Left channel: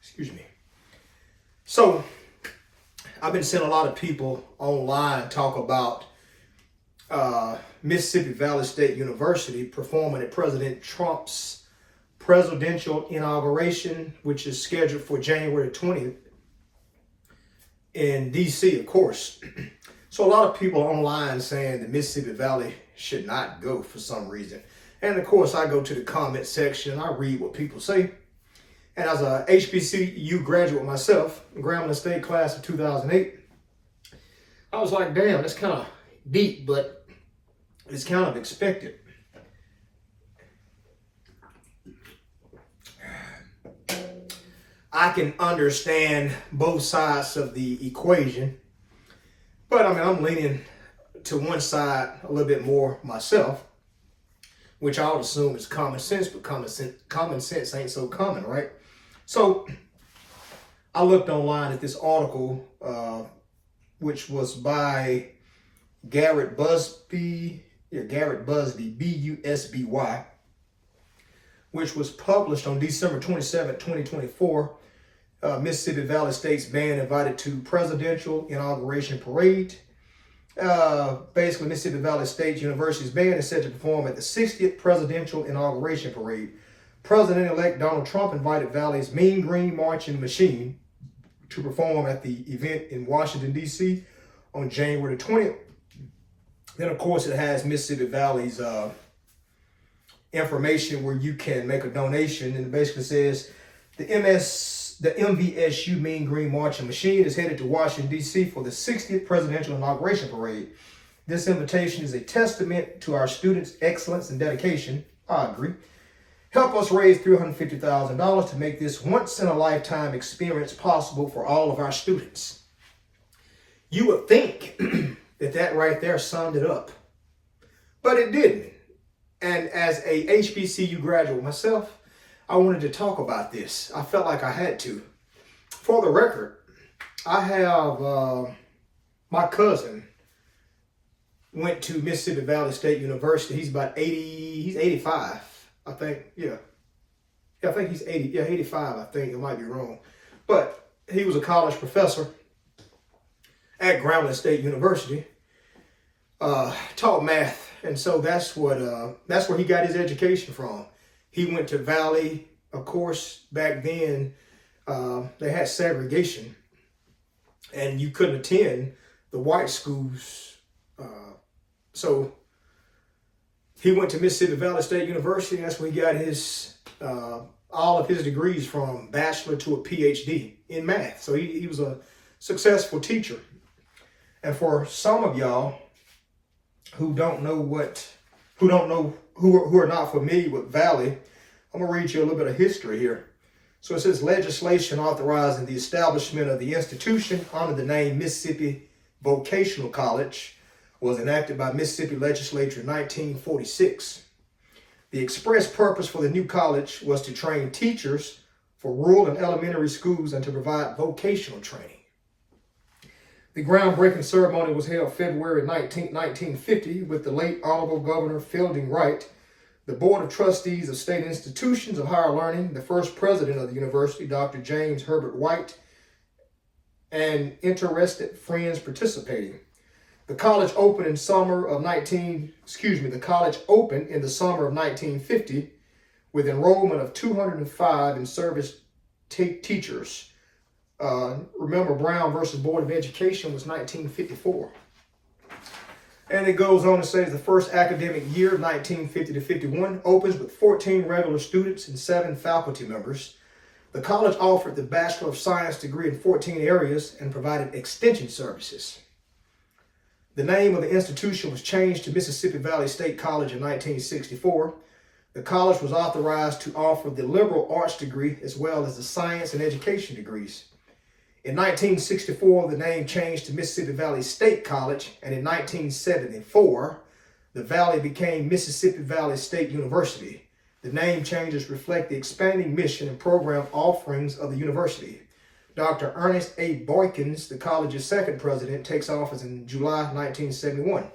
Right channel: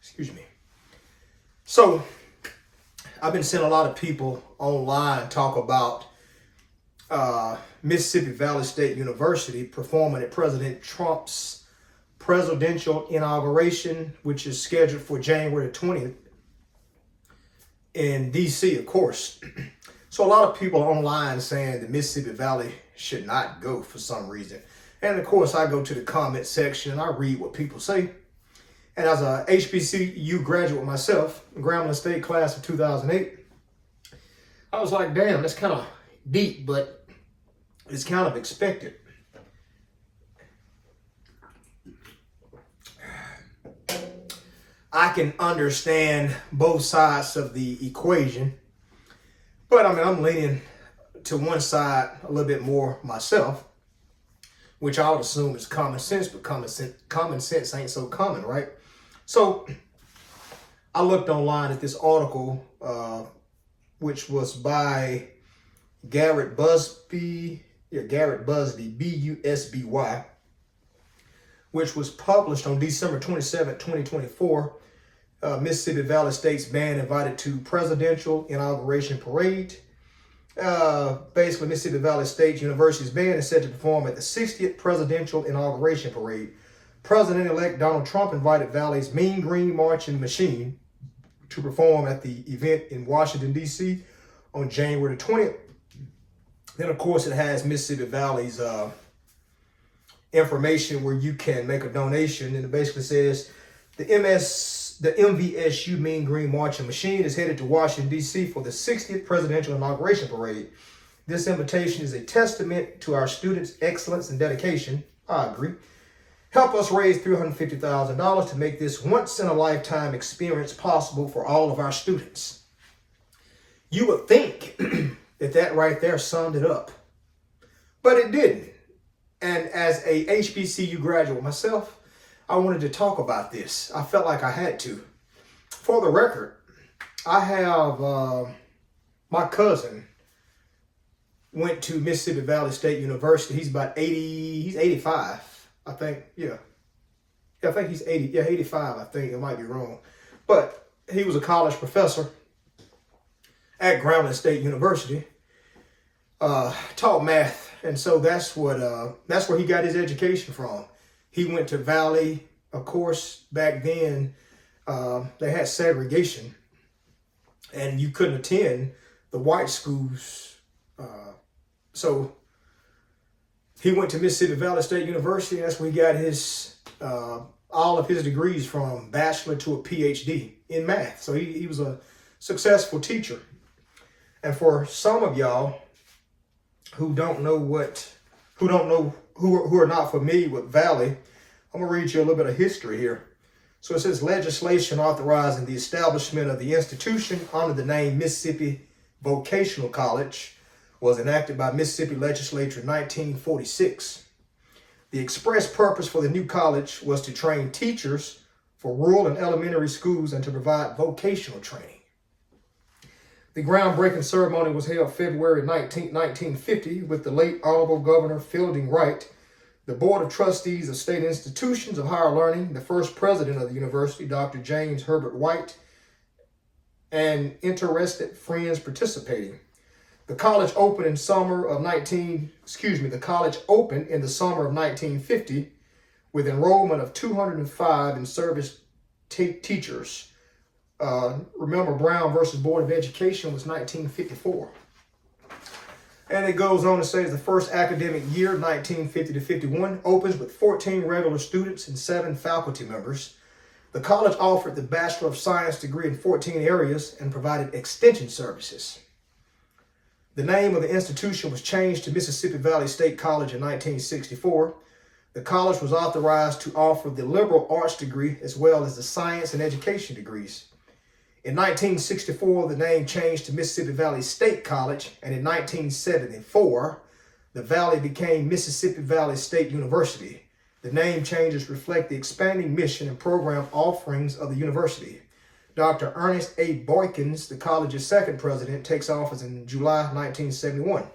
Excuse me. So I've been seeing a lot of people online talk about Mississippi Valley State University performing at President Trump's presidential inauguration, which is scheduled for January 20th in DC, of course. So a lot of people online saying that Mississippi Valley should not go for some reason. And of course, I go to the comment section and I read what people say. And as a HBCU graduate myself, Grambling State class of 2008, I was like, damn, that's kind of deep, but it's kind of expected. I can understand both sides of the equation, but I mean, I'm leaning to one side a little bit more myself, which I would assume is common sense, but common sense ain't so common, right? So I looked online at this article, which was by Garrett Busby, B-U-S-B-Y, which was published on December 27, 2024. Mississippi Valley State's band invited to presidential inauguration parade. Basically, Mississippi Valley State University's band is set to perform at the 60th presidential inauguration parade. President-elect Donald Trump invited Valley's Mean Green Marching Machine to perform at the event in Washington, D.C. on January 20th. Then, of course, it has Mississippi Valley's information where you can make a donation, and it basically says the MVSU Mean Green Marching Machine is headed to Washington, D.C. for the 60th presidential inauguration parade. This invitation is a testament to our students' excellence and dedication. I agree. Help us raise $350,000 to make this once-in-a-lifetime experience possible for all of our students. You would think that right there summed it up, but it didn't. And as a HBCU graduate myself, I wanted to talk about this. I felt like I had to. For the record, I have my cousin went to Mississippi Valley State University. He's about 80, he's 85, I think. Yeah, I think he's 80, 85, I think. It might be wrong. But he was a college professor at Grambling State University, taught math. And so that's where he got his education from. He went to Valley. Of course, back then, they had segregation, and you couldn't attend the white schools. So he went to Mississippi Valley State University. That's where he got his all of his degrees from, bachelor to a PhD in math. So he was a successful teacher. And for some of y'all who are not familiar with Valley, I'm gonna read you a little bit of history here. So it says legislation authorizing the establishment of the institution under the name Mississippi Vocational College was enacted by Mississippi Legislature in 1946. The express purpose for the new college was to train teachers for rural and elementary schools and to provide vocational training. The groundbreaking ceremony was held February 19, 1950 with the late Honorable Governor Fielding Wright, the Board of Trustees of State Institutions of Higher Learning, the first president of the university, Dr. James Herbert White, and interested friends participating. The college opened in the summer of 1950 with enrollment of 205 in service teachers. Remember, Brown versus Board of Education was 1954. And it goes on to say the first academic year, 1950 to 51, opens with 14 regular students and 7 faculty members. The college offered the Bachelor of Science degree in 14 areas and provided extension services. The name of the institution was changed to Mississippi Valley State College in 1964. The college was authorized to offer the liberal arts degree as well as the science and education degrees. In 1964, the name changed to Mississippi Valley State College, and in 1974, the Valley became Mississippi Valley State University. The name changes reflect the expanding mission and program offerings of the university. Dr. Ernest A. Boykins, the college's second president, takes office in July 1971.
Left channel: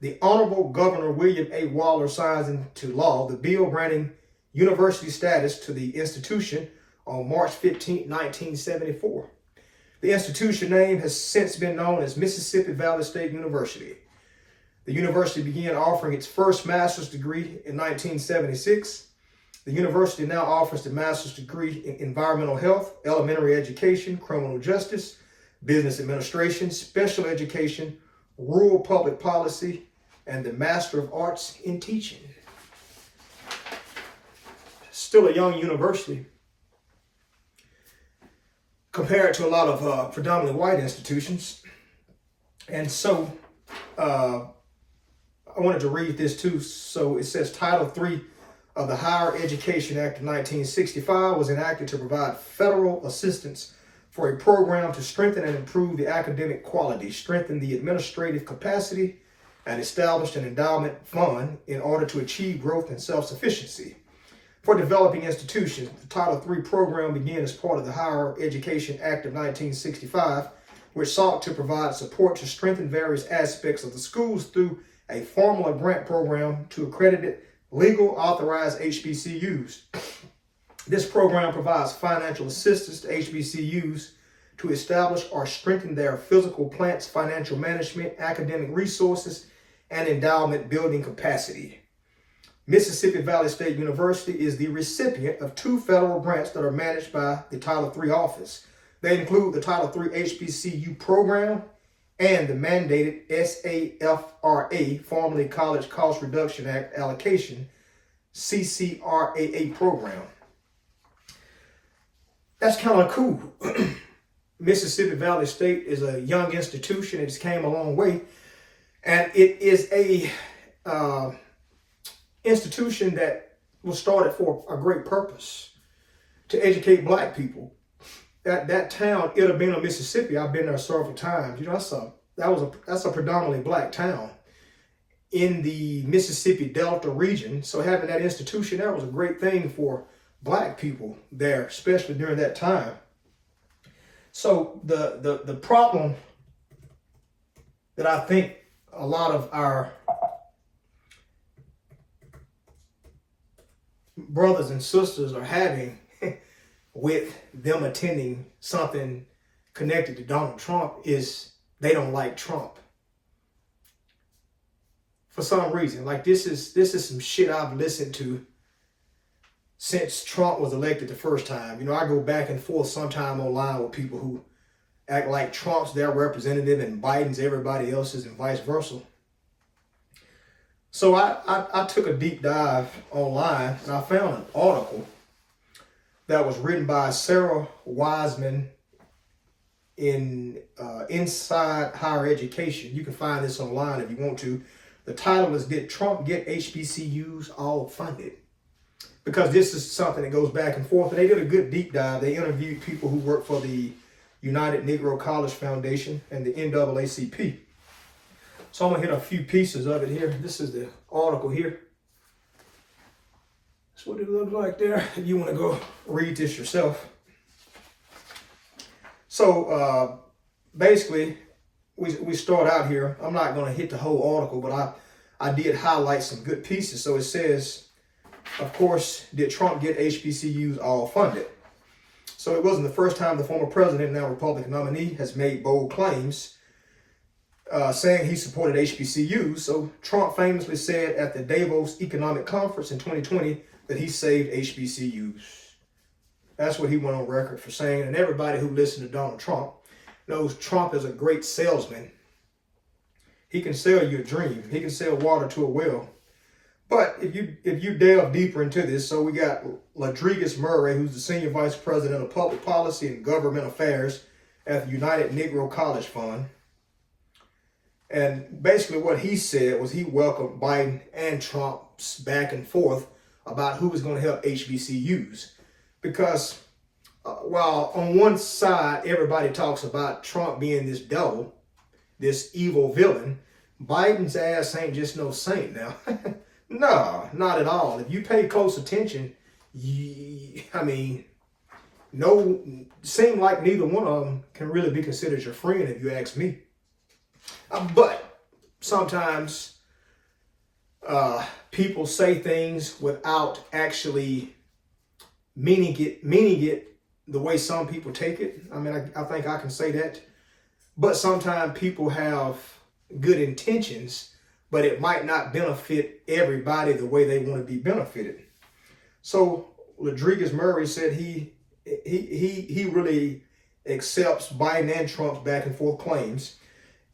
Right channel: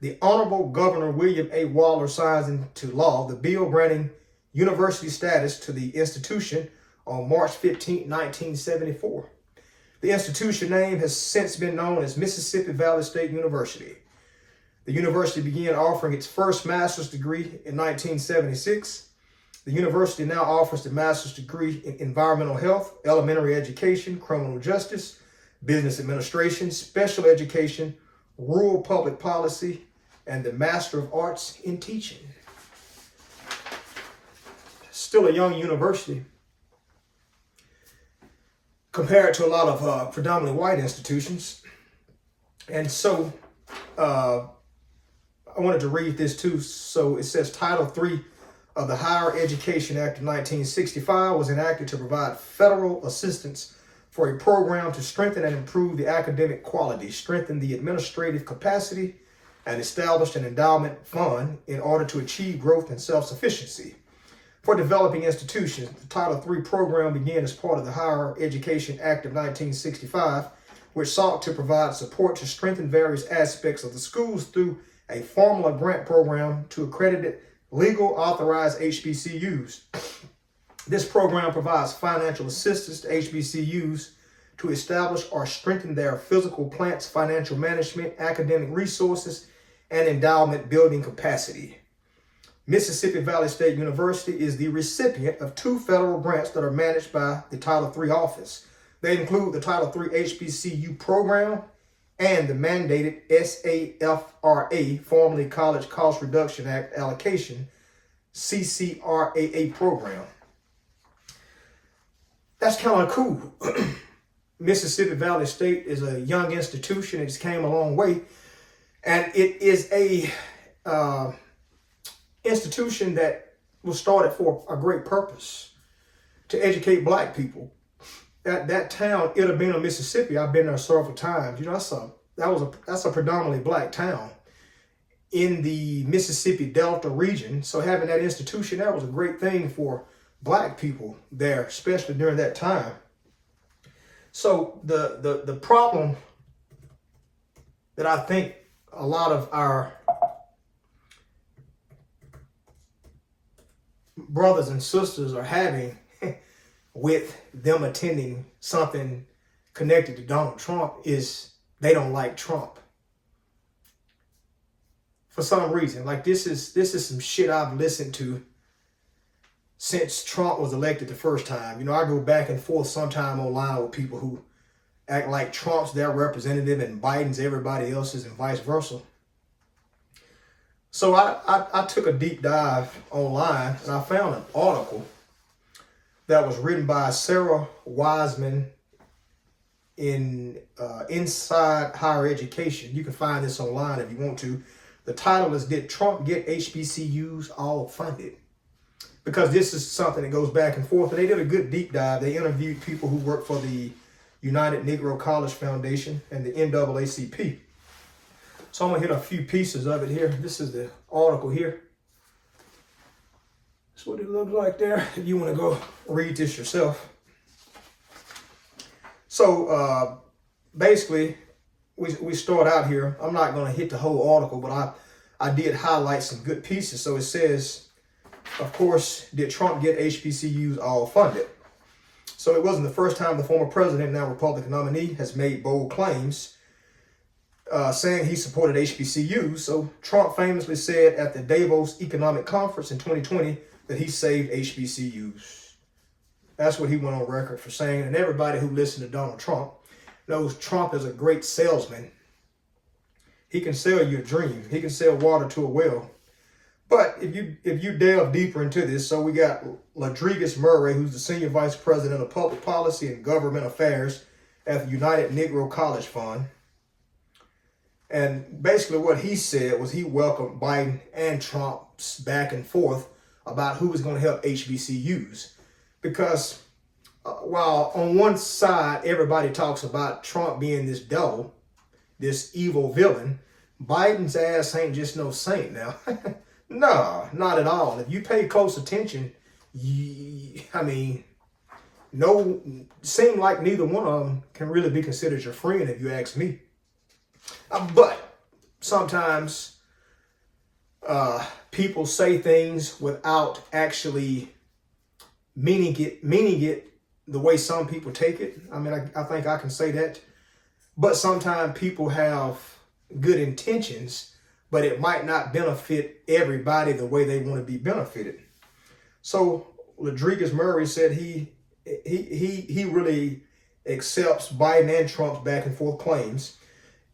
The Honorable Governor William A. Waller signs into law the bill granting university status to the institution on March 15, 1974. The institution name has since been known as Mississippi Valley State University. The university began offering its first master's degree in 1976. The university now offers the master's degree in environmental health, elementary education, criminal justice, business administration, special education, rural public policy, and the Master of Arts in Teaching. Still a young university compared to a lot of predominantly white institutions. And so I wanted to read this too. So it says Title III of the Higher Education Act of 1965 was enacted to provide federal assistance for a program to strengthen and improve the academic quality, strengthen the administrative capacity, and establish an endowment fund in order to achieve growth and self-sufficiency. For developing institutions, the Title III program began as part of the Higher Education Act of 1965, which sought to provide support to strengthen various aspects of the schools through a formula grant program to accredited legal authorized HBCUs. This program provides financial assistance to HBCUs to establish or strengthen their physical plants, financial management, academic resources, and endowment building capacity. Mississippi Valley State University is the recipient of 2 federal grants that are managed by the Title III office. They include the Title III HBCU program and the mandated SAFRA, formerly College Cost Reduction Act allocation, CCRAA program. That's kind of cool. Mississippi Valley State is a young institution. It's came a long way. And it is a institution that was started for a great purpose, to educate black people. That town, Itta Bena, Mississippi, I've been there several times. You know, that's a predominantly black town in the Mississippi Delta region. So having that institution there was a great thing for black people there, especially during that time. So the problem that I think a lot of our brothers and sisters are having with them attending something connected to Donald Trump is they don't like Trump. For some reason, like this is some shit I've listened to since Trump was elected the first time. You know, I go back and forth sometime online with people who act like Trump's their representative and Biden's everybody else's and vice versa. So I took a deep dive online and I found an article that was written by Sarah Wiseman in Inside Higher Education. You can find this online if you want to. The title is, Did Trump Get HBCUs All Funded? Because this is something that goes back and forth. And they did a good deep dive. They interviewed people who work for the United Negro College Foundation and the NAACP. So I'm going to hit a few pieces of it here. This is the article here. That's what it looks like there, if you want to go read this yourself. So basically, we start out here. I'm not going to hit the whole article, but I did highlight some good pieces. So it says, of course, did Trump get HBCUs all funded? So it wasn't the first time the former president, now Republican nominee, has made bold claims saying he supported HBCUs. So Trump famously said at the Davos Economic Conference in 2020 that he saved HBCUs. That's what he went on record for saying. And everybody who listened to Donald Trump knows Trump is a great salesman. He can sell you a dream. He can sell water to a well. But if you delve deeper into this, so we got Ladrigus Murray, who's the Senior Vice President of Public Policy and Government Affairs at the United Negro College Fund. And basically what he said was he welcomed Biden and Trump's back and forth about who was going to help HBCUs. Because while on one side, everybody talks about Trump being this devil, this evil villain, Biden's ass ain't just no saint now. No, not at all. If you pay close attention, seem like neither one of them can really be considered your friend if you ask me. But sometimes people say things without actually meaning it the way some people take it. I mean, I think I can say that. But sometimes people have good intentions, but it might not benefit everybody the way they want to be benefited. So Rodriguez Murray said he really accepts Biden and Trump's back and forth claims.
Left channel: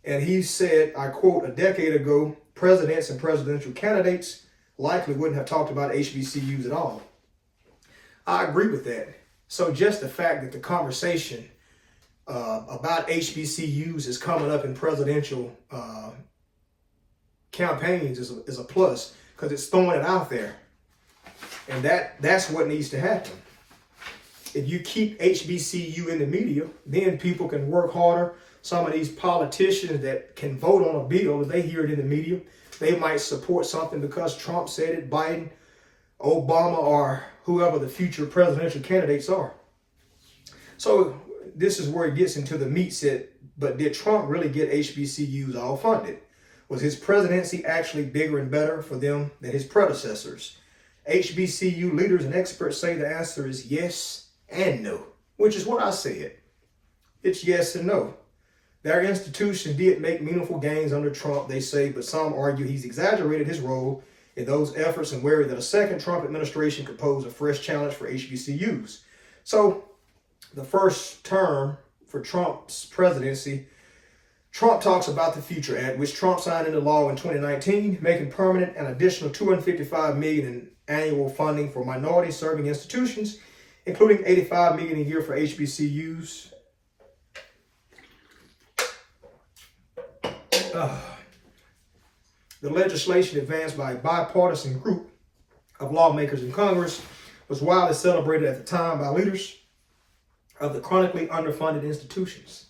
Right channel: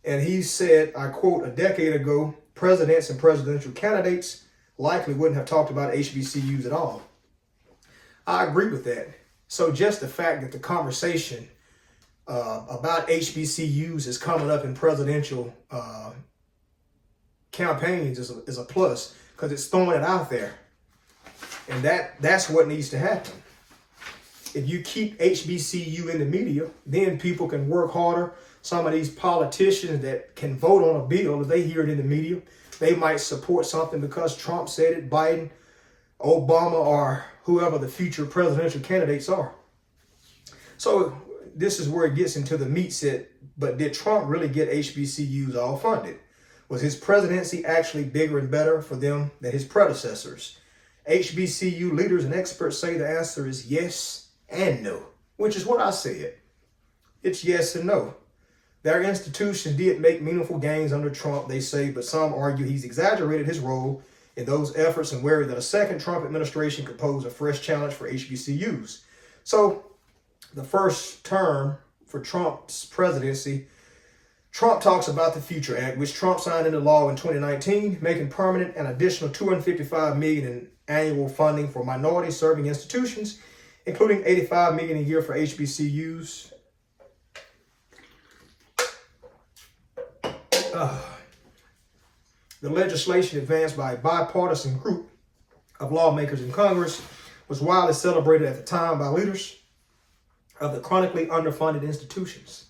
And he said, I quote, "A decade ago, presidents and presidential candidates likely wouldn't have talked about HBCUs at all." I agree with that. So just the fact that the conversation about HBCUs is coming up in presidential campaigns is a plus, because it's throwing it out there. And that's what needs to happen. If you keep HBCU in the media, then people can work harder. Some of these politicians that can vote on a bill, if they hear it in the media, they might support something because Trump said it, Biden, Obama, or whoever the future presidential candidates are. So this is where it gets into the meat set. But did Trump really get HBCUs all funded? Was his presidency actually bigger and better for them than his predecessors? HBCU leaders and experts say the answer is yes and no, which is what I said. It's yes and no. Their institution did make meaningful gains under Trump, they say, but some argue he's exaggerated his role in those efforts and worry that a second Trump administration could pose a fresh challenge for HBCUs. So the first term for Trump's presidency, Trump talks about the Future Act, which Trump signed into law in 2019, making permanent an additional $255 million in annual funding for minority-serving institutions, including $85 million a year for HBCUs. The legislation advanced by a bipartisan group of lawmakers in Congress was widely celebrated at the time by leaders of the chronically underfunded institutions.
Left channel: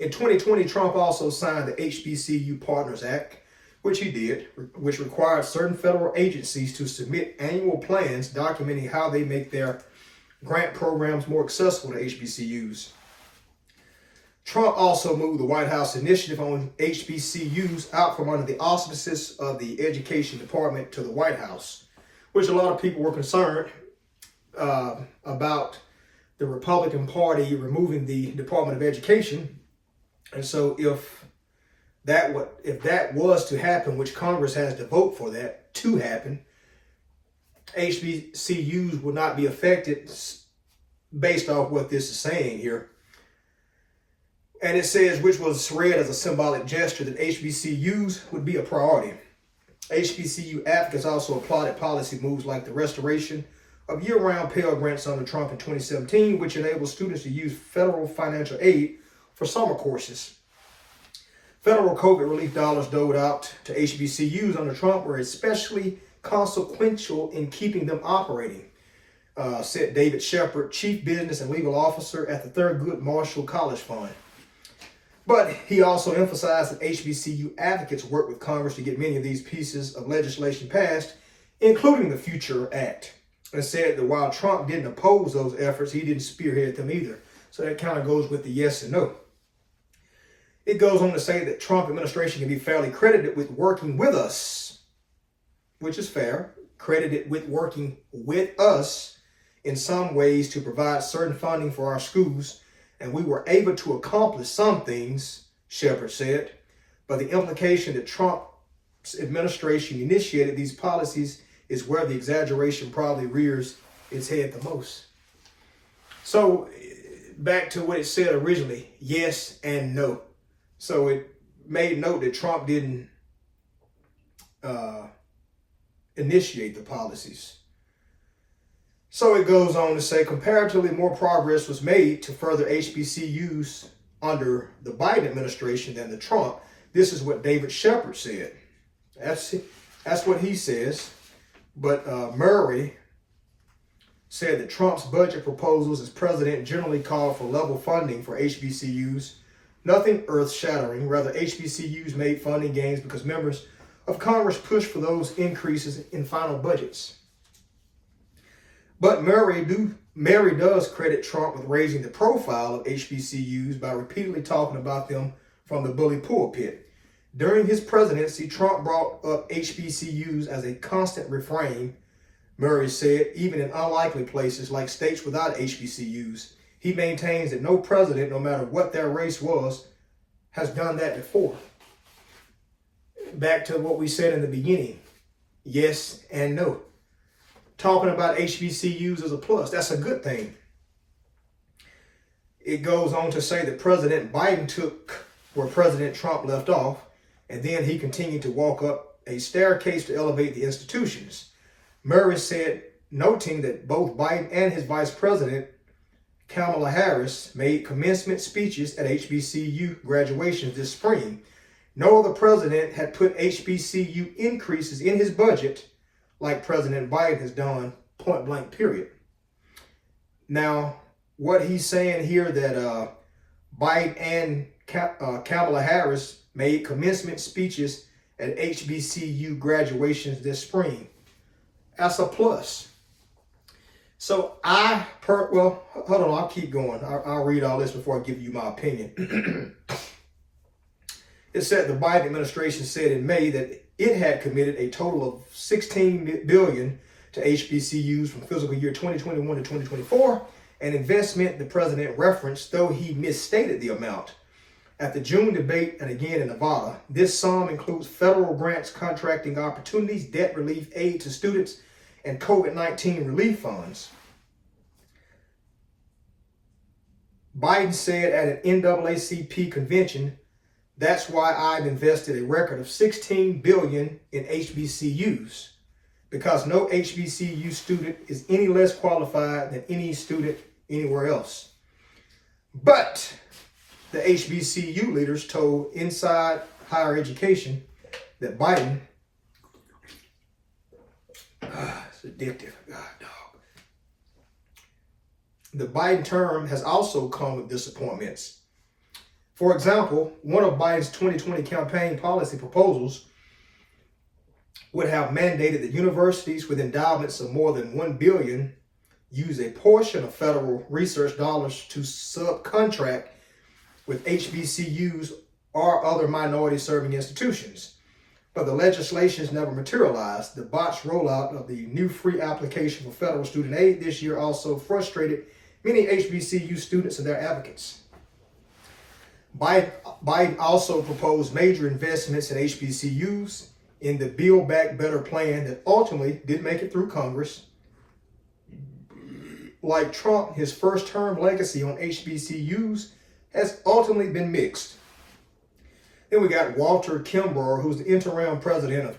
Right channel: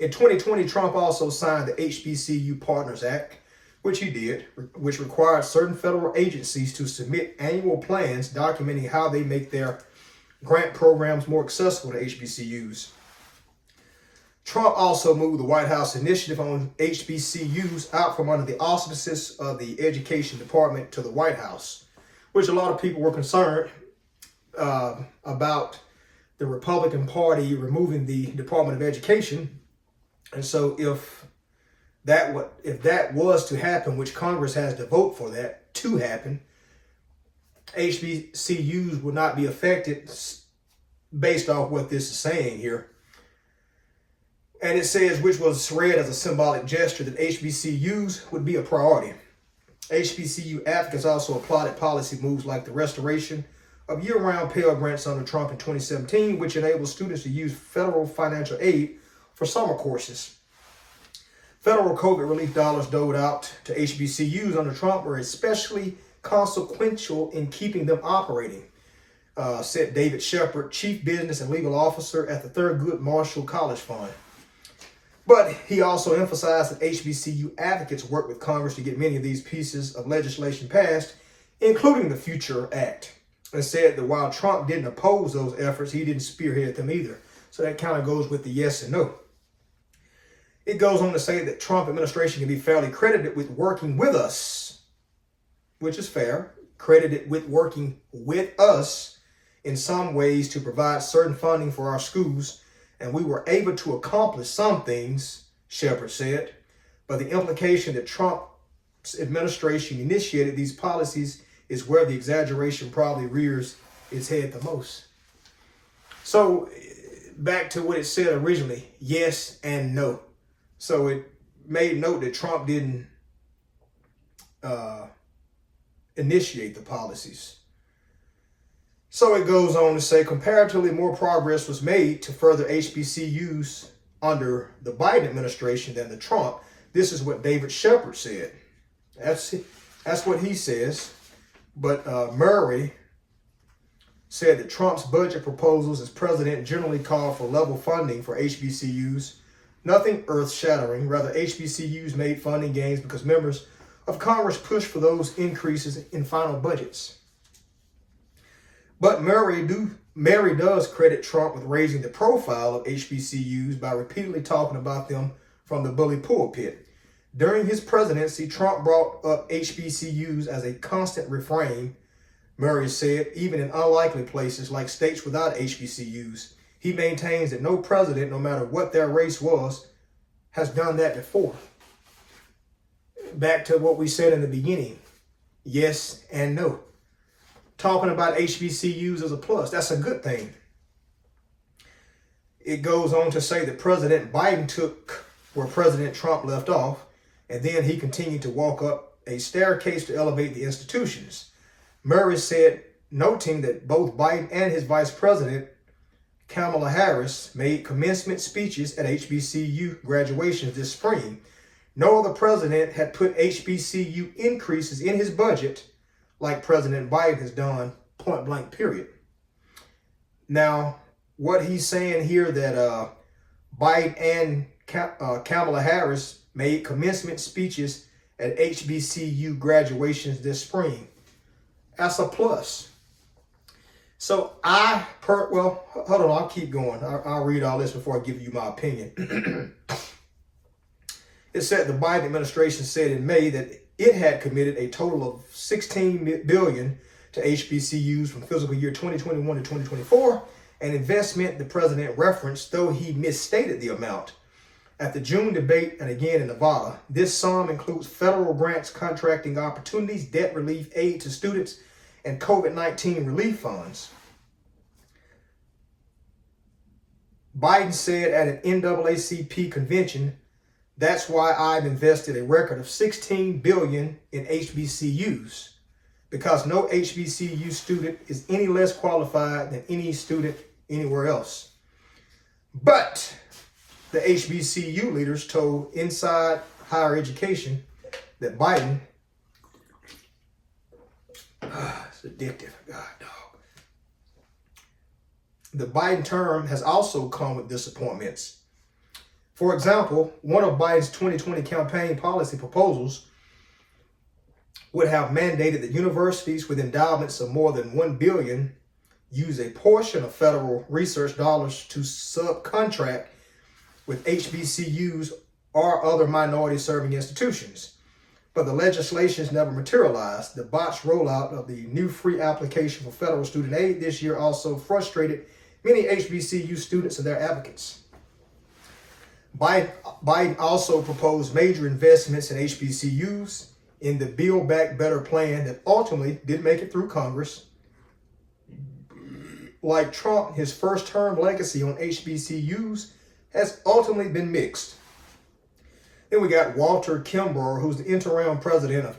In 2020, Trump also signed the HBCU Partners Act, which he did, which required certain federal agencies to submit annual plans documenting how they make their grant programs more accessible to HBCUs. Trump also moved the White House initiative on HBCUs out from under the auspices of the Education Department to the White House, which a lot of people were concerned about the Republican Party removing the Department of Education. And so if that was to happen, which Congress has to vote for that to happen, HBCUs would not be affected based off what this is saying here. And it says, which was read as a symbolic gesture, that HBCUs would be a priority. HBCU advocates also applauded policy moves like the restoration of year-round Pell Grants under Trump in 2017, which enabled students to use federal financial aid for summer courses. Federal COVID relief dollars doled out to HBCUs under Trump were especially consequential in keeping them operating, said David Shepard, Chief Business and Legal Officer at the Thurgood Marshall College Fund. But he also emphasized that HBCU advocates work with Congress to get many of these pieces of legislation passed, including the Future Act, and said that while Trump didn't oppose those efforts, he didn't spearhead them either. So that kind of goes with the yes and no. It goes on to say that Trump administration can be fairly credited with working with us, which is fair, credited with working with us in some ways to provide certain funding for our schools. And we were able to accomplish some things, Shepard said, but the implication that Trump's administration initiated these policies is where the exaggeration probably rears its head the most. So back to what it said originally, yes and no. So it made note that Trump didn't initiate the policies. So it goes on to say, comparatively more progress was made to further HBCUs under the Biden administration than the Trump. This is what David Shepard said. That's what he says. But Murray said that Trump's budget proposals as president generally called for level funding for HBCUs. Nothing earth-shattering. Rather, HBCUs made funding gains because members of Congress pushed for those increases in final budgets. But Murray does credit Trump with raising the profile of HBCUs by repeatedly talking about them from the bully pulpit. During his presidency, Trump brought up HBCUs as a constant refrain, Murray said, even in unlikely places like states without HBCUs. He maintains that no president, no matter what their race was, has done that before. Back to what we said in the beginning, yes and no. Talking about HBCUs as a plus, that's a good thing. It goes on to say that President Biden took where President Trump left off, and then he continued to walk up a staircase to elevate the institutions. Murray said, noting that both Biden and his vice president, Kamala Harris, made commencement speeches at HBCU graduations this spring. No other president had put HBCU increases in his budget like President Biden has done, point blank, period. Now, what he's saying here that Biden and Kamala Harris made commencement speeches at HBCU graduations this spring. That's a plus. So well, hold on, I'll keep going. I'll read all this before I give you my opinion. It said the Biden administration said in May that it had committed a total of $16 billion to HBCUs from fiscal year 2021 to 2024, an investment the president referenced, though he misstated the amount. At the June debate and again in Nevada, this sum includes federal grants, contracting opportunities, debt relief, aid to students, and COVID-19 relief funds. Biden said at an NAACP convention, that's why I've invested a record of $16 billion in HBCUs, because no HBCU student is any less qualified than any student anywhere else. But the HBCU leaders told Inside Higher Education that Biden, it's addictive, God, dog. The Biden term has also come with disappointments. For example, one of Biden's 2020 campaign policy proposals would have mandated that universities with endowments of more than $1 billion use a portion of federal research dollars to subcontract with HBCUs or other minority-serving institutions. But the legislations never materialized. The botched rollout of the new free application for federal student aid this year also frustrated many HBCU students and their advocates. Biden also proposed major investments in HBCUs in the Build Back Better plan that ultimately didn't make it through Congress. Like Trump, his first-term legacy on HBCUs has ultimately been mixed. Then we got Walter Kimbrough, who's the interim president of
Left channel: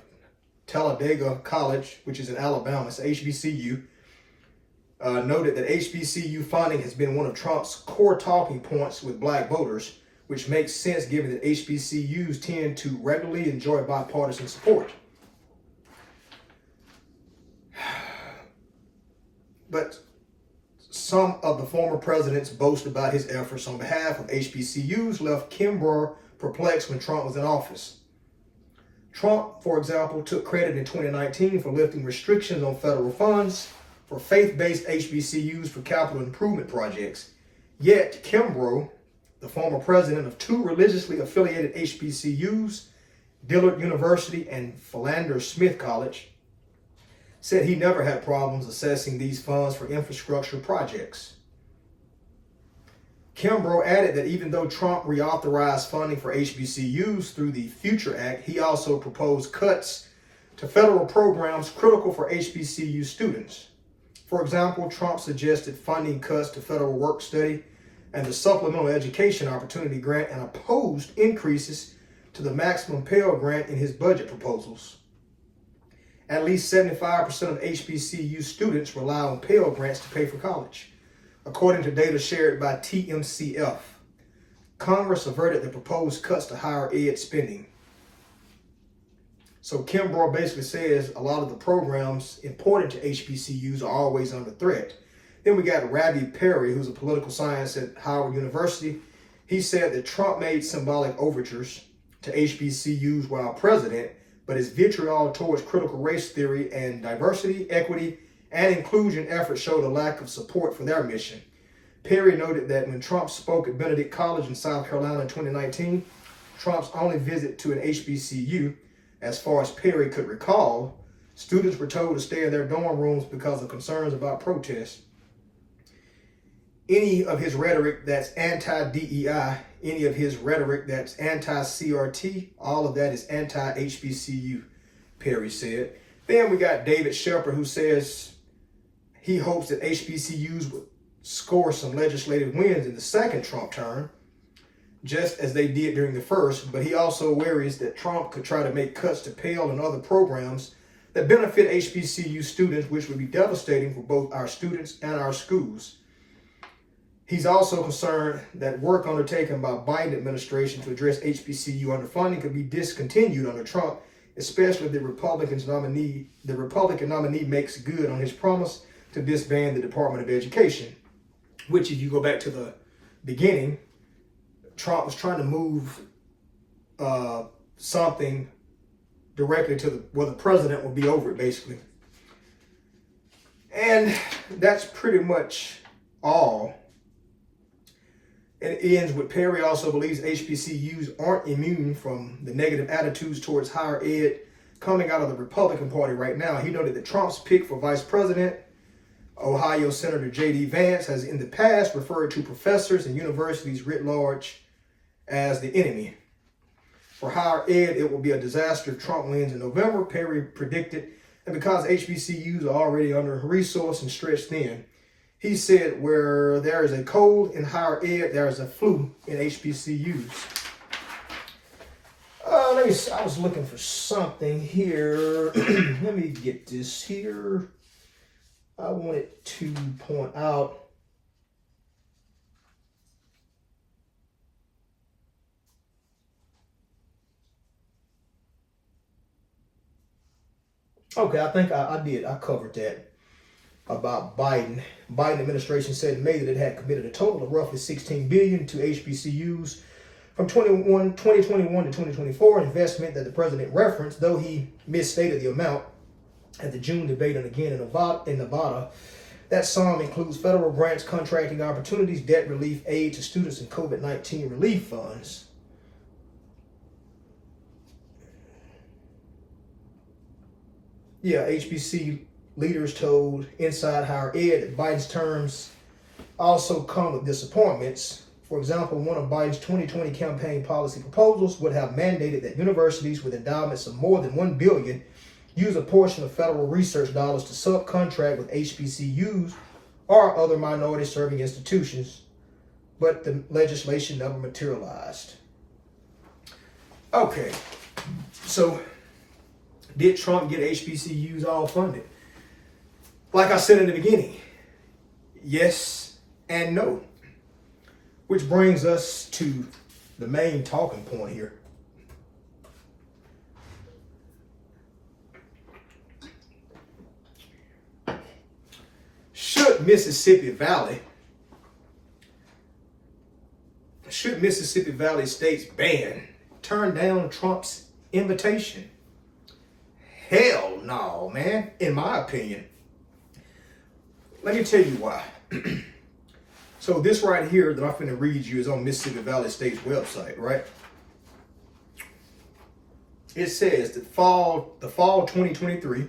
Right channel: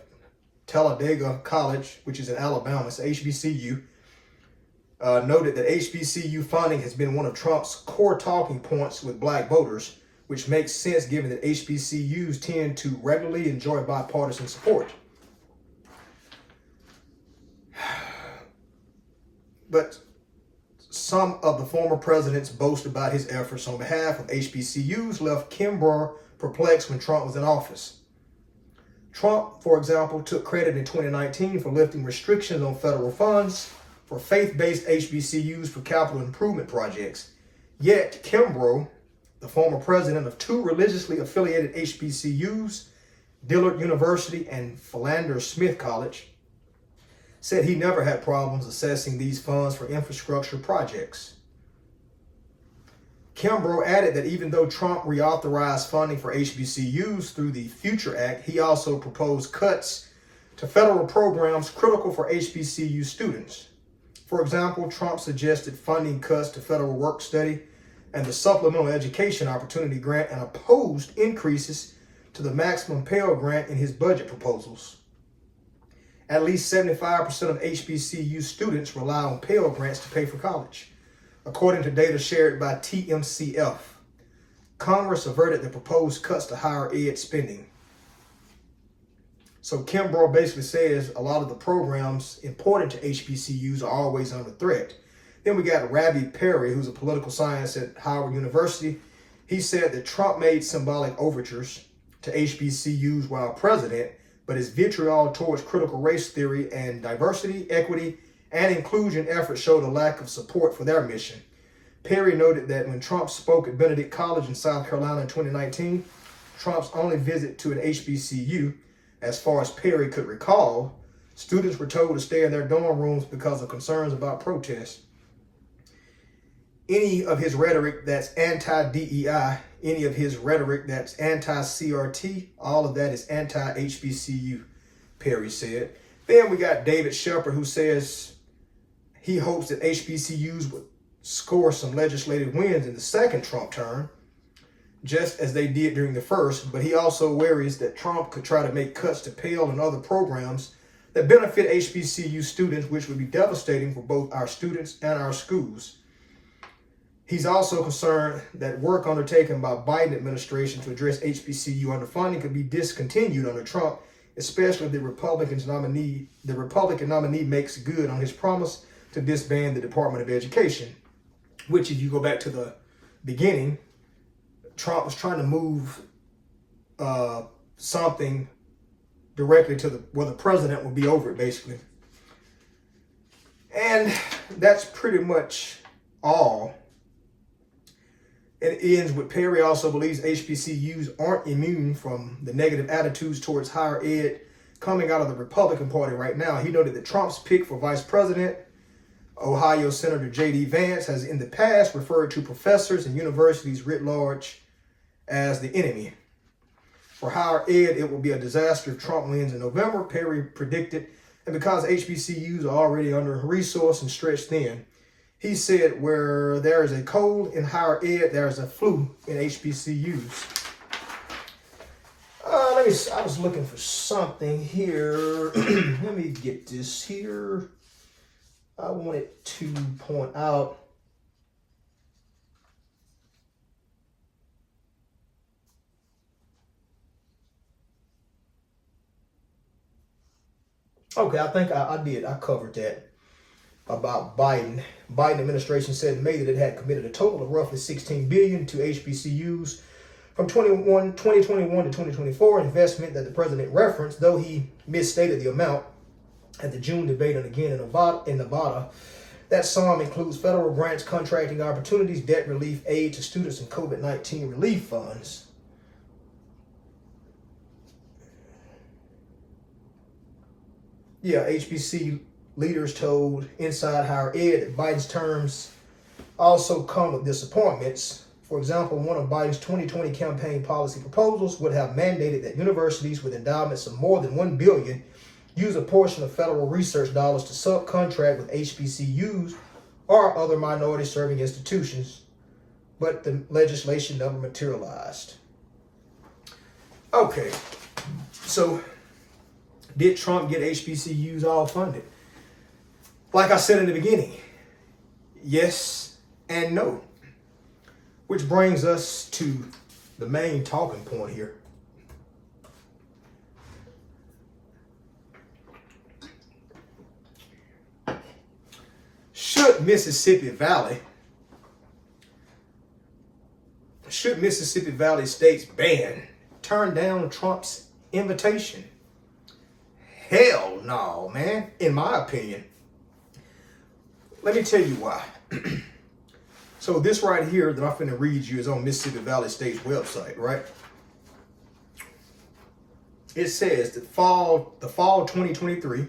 Talladega College, which is in Alabama. It's HBCU. Noted that HBCU funding has been one of Trump's core talking points with black voters, which makes sense given that HBCUs tend to regularly enjoy bipartisan support. But some of the former president's boast about his efforts on behalf of HBCUs left Kimbrough perplexed when Trump was in office. Trump, for example, took credit in 2019 for lifting restrictions on federal funds for faith-based HBCUs for capital improvement projects. Yet Kimbrough, the former president of two religiously affiliated HBCUs, Dillard University and Philander Smith College, said he never had problems assessing these funds for infrastructure projects. Kimbrough added that even though Trump reauthorized funding for HBCUs through the Future Act, he also proposed cuts to federal programs critical for HBCU students. For example, Trump suggested funding cuts to federal work study and the Supplemental Education Opportunity Grant and opposed increases to the Maximum Pell Grant in his budget proposals. At least 75% of HBCU students rely on Pell Grants to pay for college, according to data shared by TMCF. Congress averted the proposed cuts to higher ed spending. So Kimbrough basically says a lot of the programs important to HBCUs are always under threat. Then we got Ravi Perry, who's a political scientist at Howard University. He said that Trump made symbolic overtures to HBCUs while president, but his vitriol towards critical race theory and diversity, equity, and inclusion efforts showed a lack of support for their mission. Perry noted that when Trump spoke at Benedict College in South Carolina in 2019, Trump's only visit to an HBCU, as far as Perry could recall, students were told to stay in their dorm rooms because of concerns about protests. Any of his rhetoric that's anti-DEI, any of his rhetoric that's anti-CRT, all of that is anti-HBCU, Perry said. Then we got David Shepard, who says he hopes that HBCUs would score some legislative wins in the second Trump term, just as they did during the first, but he also worries that Trump could try to make cuts to Pell and other programs that benefit HBCU students, which would be devastating for both our students and our schools. He's also concerned that work undertaken by Biden administration to address HBCU underfunding could be discontinued under Trump, especially if the Republican nominee makes good on his promise to disband the Department of Education, which, if you go back to the beginning, Trump was trying to move something directly to where the president would be over it, basically. And that's pretty much all. It ends with Perry also believes HBCUs aren't immune from the negative attitudes towards higher ed coming out of the Republican Party right now. He noted that Trump's pick for vice president, Ohio Senator J.D. Vance, has in the past referred to professors and universities writ large as the enemy. For higher ed, it will be a disaster if Trump wins in November, Perry predicted, and because HBCUs are already under-resourced and stretched thin. He said, where there is a cold in higher ed, there is a flu in HBCUs. I was looking for something here. Let me get this here. I wanted to point out. Okay, I think I did. I covered that about Biden. Biden administration said in May that it had committed a total of roughly $16 billion to HBCUs from 2021 to 2024, investment that the president referenced, though he misstated the amount at the June debate and again in Nevada. That sum includes federal grants, contracting opportunities, debt relief, aid to students, and COVID-19 relief funds. Yeah, HBC leaders told Inside Higher Ed that Biden's terms also come with disappointments. For example, one of Biden's 2020 campaign policy proposals would have mandated that universities with endowments of more than $1 billion use a portion of federal research dollars to subcontract with HBCUs or other minority-serving institutions, but the legislation never materialized. Okay, so did Trump get HBCUs all funded? Like I said in the beginning, yes and no. Which brings us to the main talking point here. Should Mississippi Valley State's band turn down Trump's invitation? Hell no, man, in my opinion. Let me tell you why. So this right here that I'm finna read you is on Mississippi Valley State's website, right? It says that fall 2023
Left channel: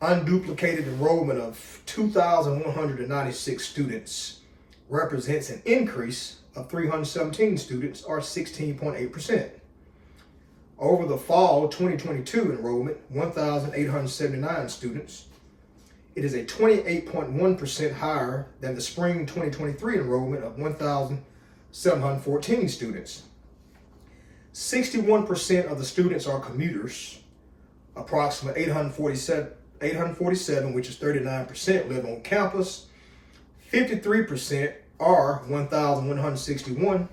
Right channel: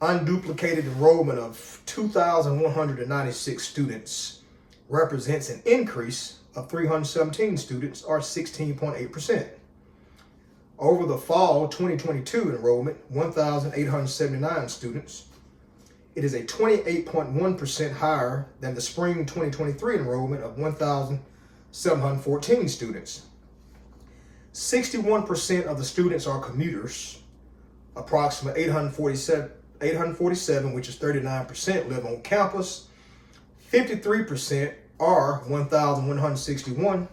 unduplicated enrollment of 2,196 students represents an increase of 317 students, or 16.8%. Over the fall 2022 enrollment, 1,879 students, it is a 28.1% higher than the spring 2023 enrollment of 1,714 students. 61% of the students are commuters. Approximately 847, which is 39%, live on campus. 53% are 1,161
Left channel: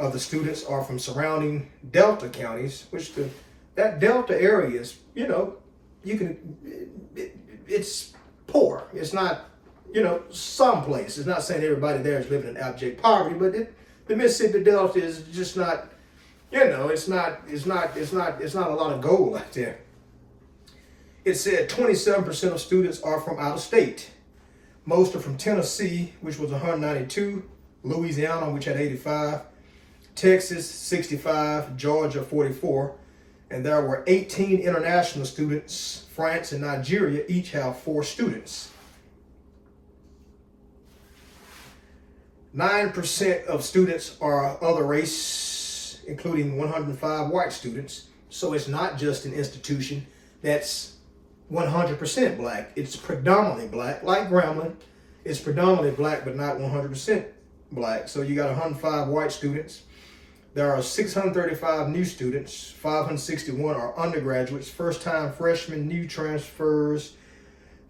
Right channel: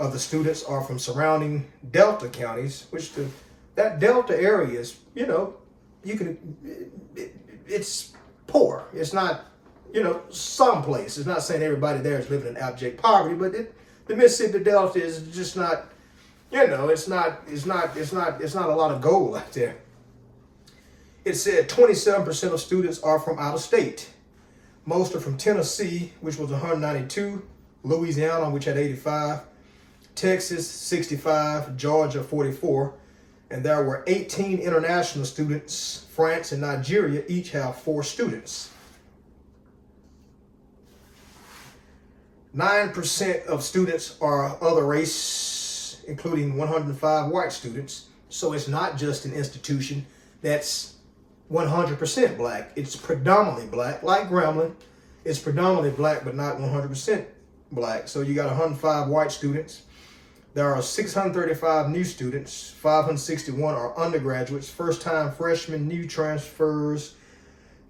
of the students are from surrounding Delta counties, which that Delta area is, it's poor. It's not, someplace. It's not saying everybody there is living in abject poverty, but the Mississippi Delta is just not, it's not a lot of gold out there. It said 27% of students are from out of state. Most are from Tennessee, which was 192, Louisiana, which had 85, Texas 65, Georgia 44, and there were 18 international students. France and Nigeria each have 4 students. 9% of students are other race, including 105 white students. So it's not just an institution that's 100% black. It's predominantly black, like Grambling. It's predominantly black, but not 100% black. So you got 105 white students. There are 635 new students. 561 are undergraduates, first-time freshmen, new transfers,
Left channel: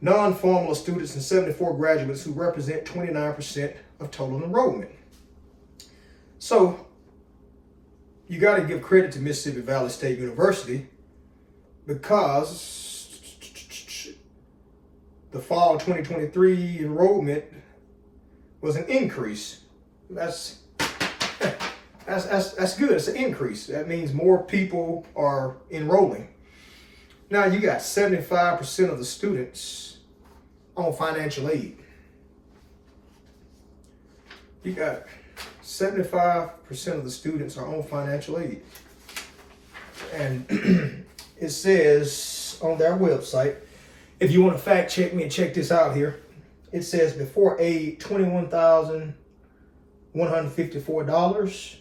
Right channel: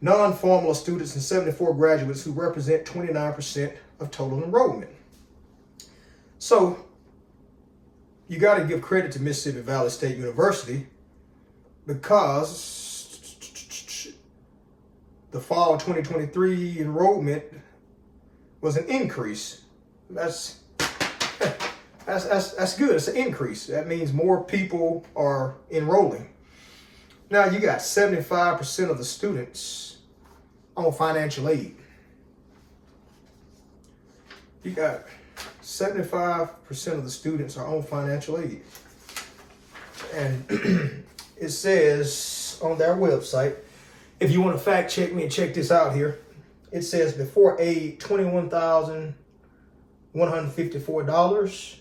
non-formal students, and 74 graduates who represent 29% of total enrollment. So you got to give credit to Mississippi Valley State University because the fall 2023 enrollment was an increase. That's good. It's an increase. That means more people are enrolling. Now you got 75% of the students on financial aid. You got 75% of the students are on financial aid. And it says on their website, if you want to fact check me and check this out here, it says before aid, $21,154.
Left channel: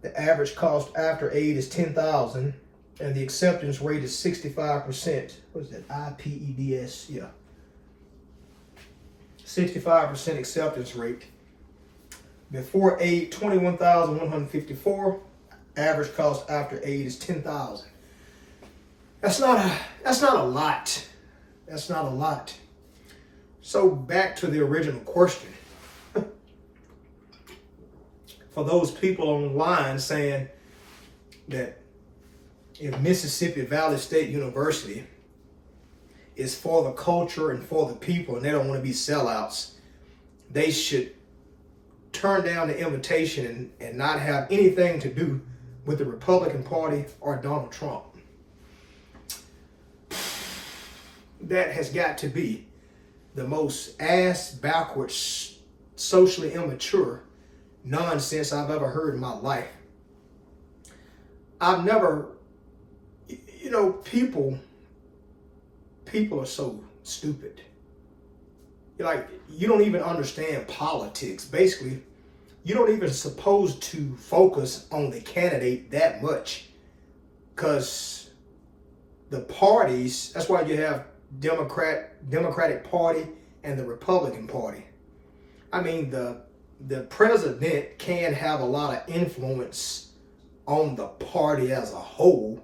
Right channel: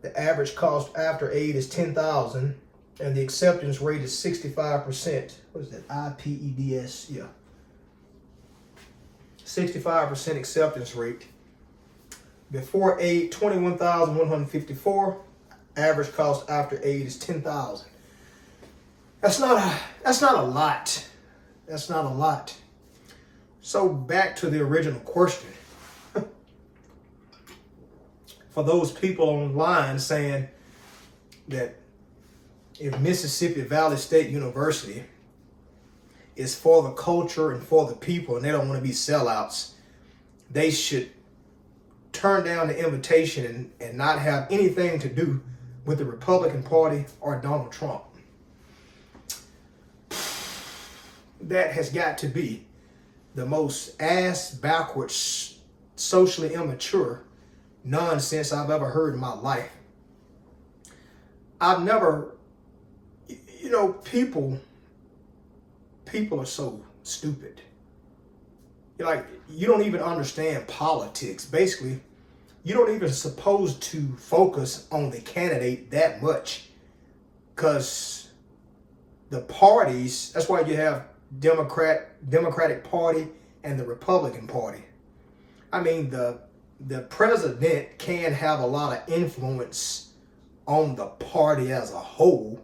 The average cost after aid is $10,000, and the acceptance rate is 65%. What is that? IPEDS, yeah. 65% acceptance rate. Before aid, $21,154. Average cost after aid is $10,000. That's not a lot. That's not a lot. So back to the original question. For those people online saying that if Mississippi Valley State University is for the culture and for the people and they don't want to be sellouts, they should turn down the invitation and not have anything to do with the Republican Party or Donald Trump. That has got to be the most ass-backwards, socially immature nonsense I've ever heard in my life. I've never, people are so stupid. You don't even understand politics. Basically, you don't even supposed to focus on the candidate that much, because the parties, that's why you have Democratic Party and the Republican Party. I mean, the president can have a lot of influence on the party as a whole,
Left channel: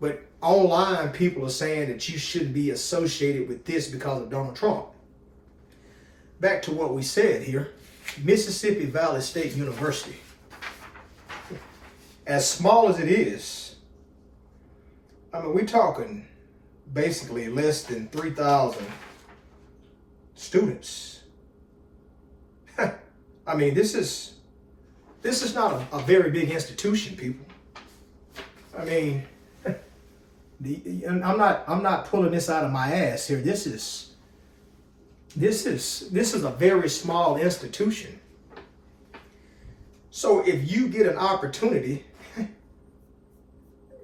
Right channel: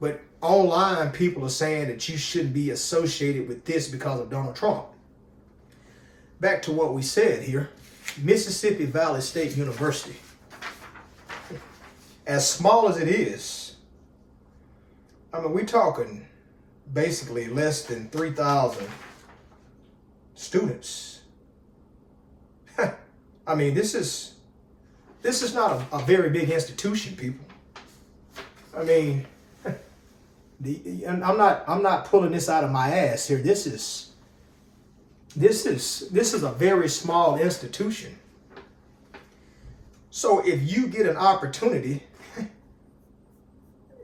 but online people are saying that you shouldn't be associated with this because of Donald Trump. Back to what we said here, Mississippi Valley State University, as small as it is, I mean, we're talking basically less than 3,000 students. I mean, this is not a very big institution, people. I mean, I'm not pulling this out of my ass here. This is a very small institution. So if you get an opportunity,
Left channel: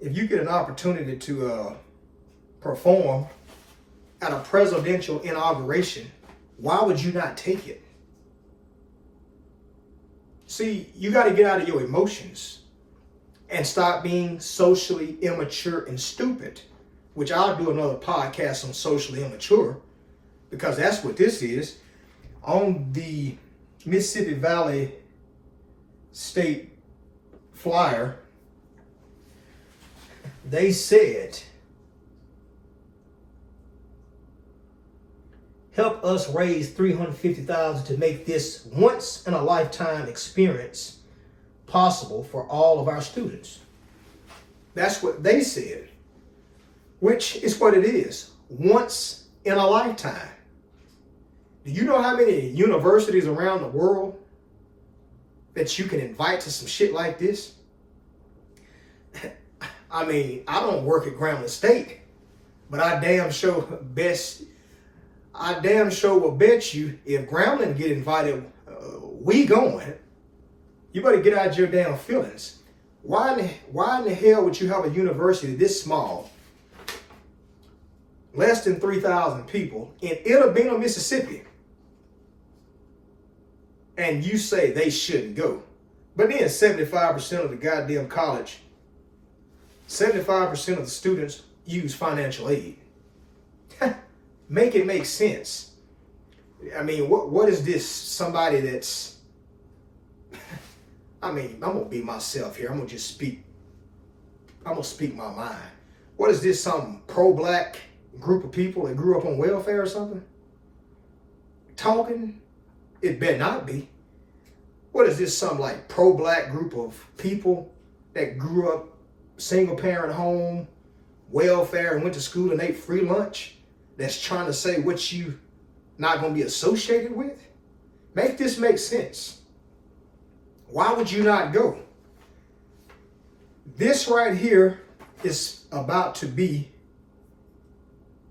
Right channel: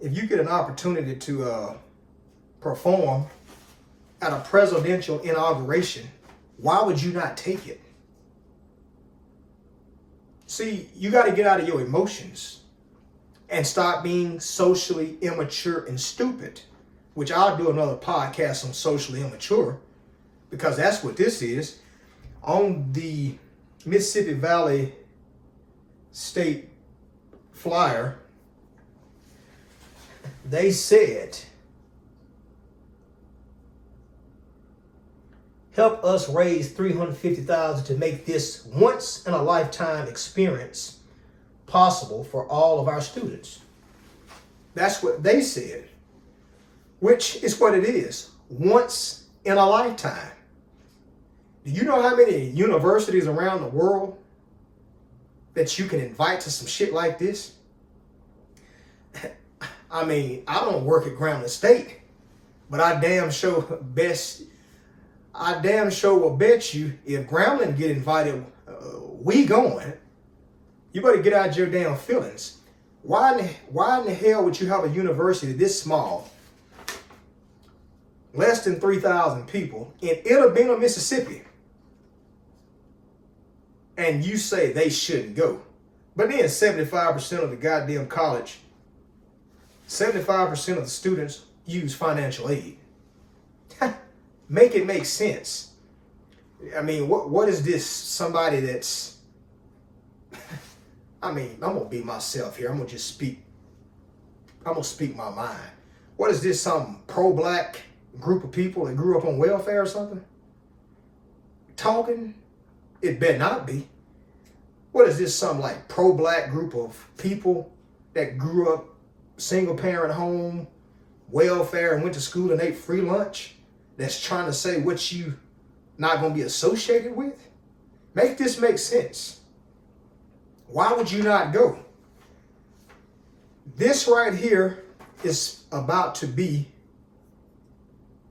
to perform at a presidential inauguration, why would you not take it? See, you got to get out of your emotions and stop being socially immature and stupid, which I'll do another podcast on socially immature, because that's what this is. On the Mississippi Valley State flyer, they said, help us raise $350,000 to make this once in a lifetime experience possible for all of our students. That's what they said, which is what it is. Once in a lifetime. Do you know how many universities around the world that you can invite to some shit like this? I mean, I don't work at Grambling State, but I damn sure will bet you if Grambling get invited, we going. You better get out your damn feelings. Why in the hell would you have a university this small, less than 3,000 people, in Inauguration, Mississippi, and you say they shouldn't go? But then 75% of the goddamn college, 75% of the students use financial aid. Make it make sense. I mean, what is this? Somebody that's, I mean, I'm gonna be myself here. I'm gonna speak my mind. What is this? Some pro-black group of people that grew up on welfare or something? Talking? It better not be. What is this? Some like pro-black group of people that grew up single parent home, welfare, and went to school and ate free lunch, that's trying to say what you not going to be associated with? Make this make sense. Why would you not go? This right here is about to be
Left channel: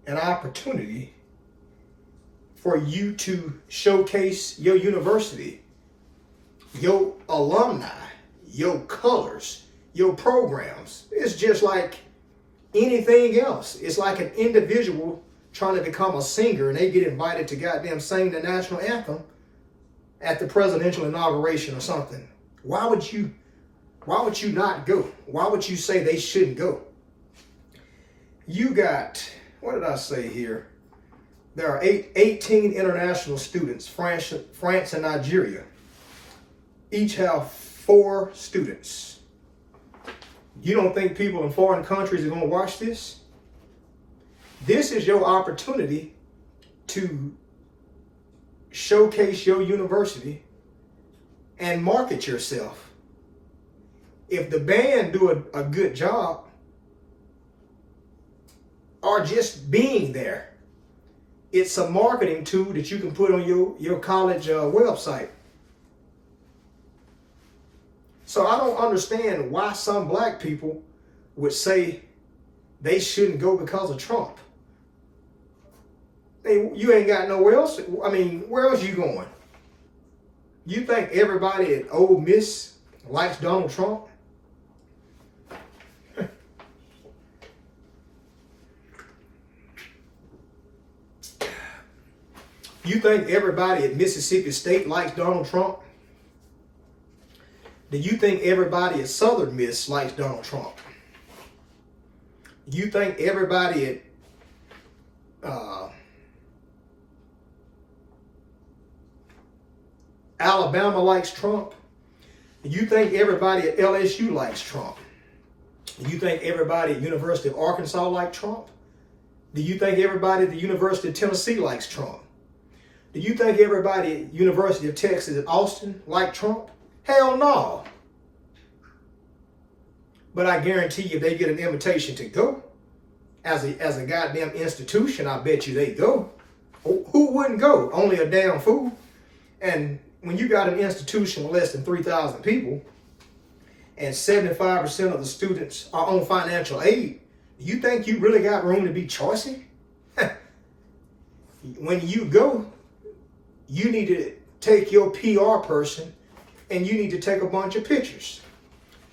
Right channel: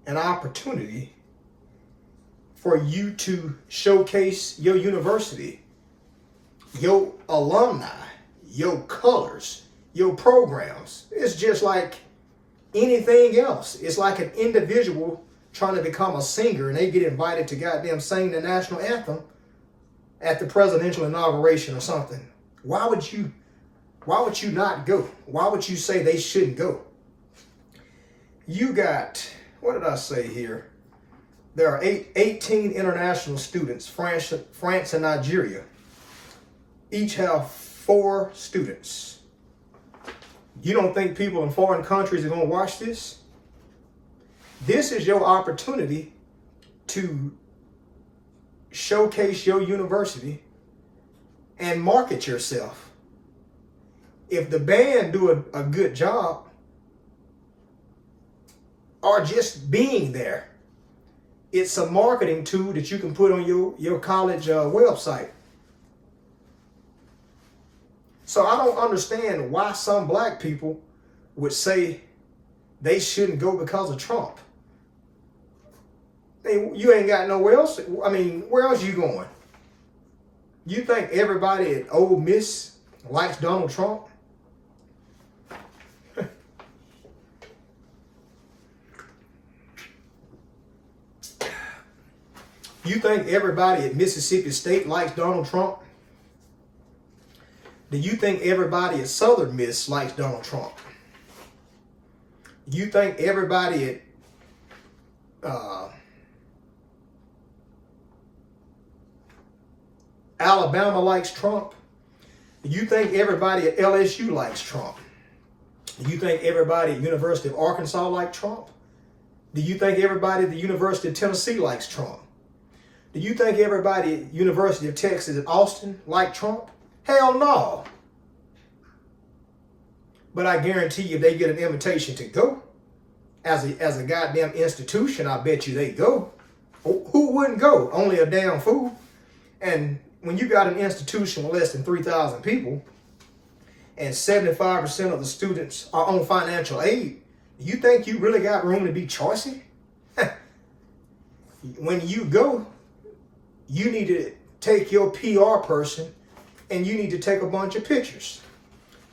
an opportunity for you to showcase your university, your alumni, your colors, your programs. It's just like anything else. It's like an individual trying to become a singer and they get invited to goddamn sing the national anthem at the presidential inauguration or something. Why would you not go? Why would you say they shouldn't go? You got, what did I say here? There are 18 international students, France and Nigeria. Each have 4 students. You don't think people in foreign countries are going to watch this? This is your opportunity to showcase your university and market yourself. If the band do a good job, or just being there, it's a marketing tool that you can put on your college website. So I don't understand why some black people would say they shouldn't go because of Trump. Hey, you ain't got nowhere else. I mean, where else you going? You think everybody at Ole Miss likes Donald Trump? You think everybody at Mississippi State likes Donald Trump? Do you think everybody at Southern Miss likes Donald Trump? You think everybody at Alabama likes Trump? Do you think everybody at LSU likes Trump? Do you think everybody at University of Arkansas likes Trump? Do you think everybody at the University of Tennessee likes Trump? Do you think everybody at University of Texas at Austin like Trump? Hell no. But I guarantee you, if they get an invitation to go, as a goddamn institution, I bet you they go. Who wouldn't go? Only a damn fool. And when you got an institution with less than 3,000 people, and 75% of the students are on financial aid, do you think you really got room to be choicy? When you go, you need to take your PR person and you need to take a bunch of pictures.